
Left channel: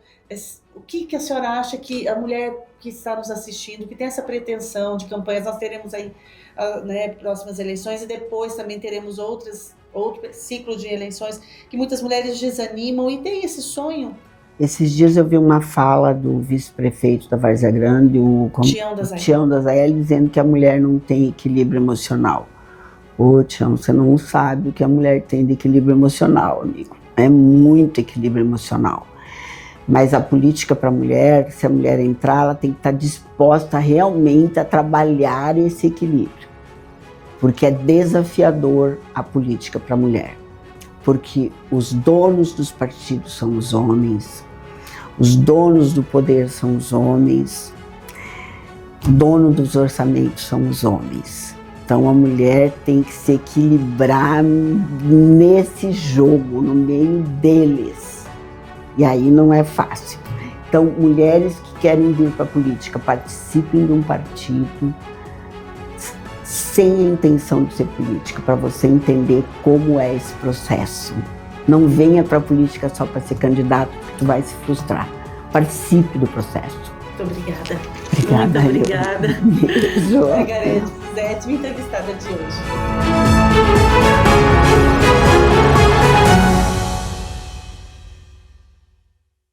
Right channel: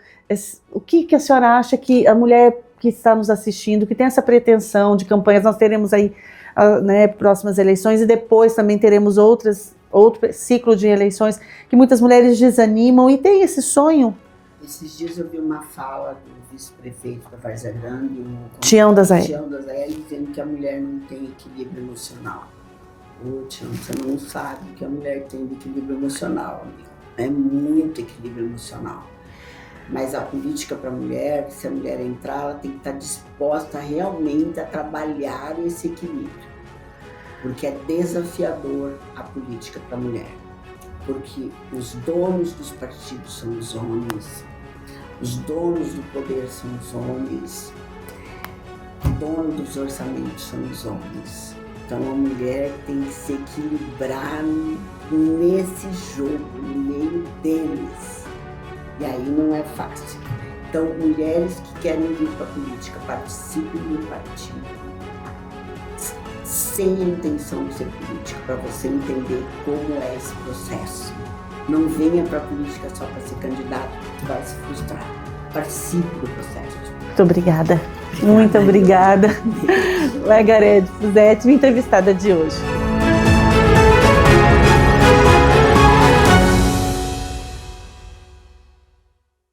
O que a senhora acha que a mulher que está nos assistindo, que tem essa pretensão de campanhas, nós teremos aí próximas eleições e depois também teremos outro ciclo de eleições, que muitas mulheres desanimam e têm esse sonho? Esses dias eu vi uma fala do vice-prefeito da Várzea Grande, o Tião das Aélias, dizendo que a mulher não tem equilíbrio emocional. Ô, Tião, você não sabe o que a mulher tem de equilíbrio emocional, amigo. É muito equilíbrio emocional. Mas a política para a mulher, se a mulher entrar, ela tem que estar disposta realmente a trabalhar esse equilíbrio. Porque é desafiador a política para a mulher. Porque os donos dos partidos são os homens, os donos do poder são os homens, o dono dos orçamentos são os homens. Então a mulher tem que se equilibrar nesse jogo, no meio deles. E aí não é fácil. Então, mulheres que querem vir para a política, participem de um partido sem a intenção de ser política, para você entender como é esse processo. Não venha para a política só para ser candidato, porque tu vai se frustrar. Participe do processo. Muito obrigada. Muito obrigada. Beijo. Margarete Fusetti, minha entrevistada de hoje.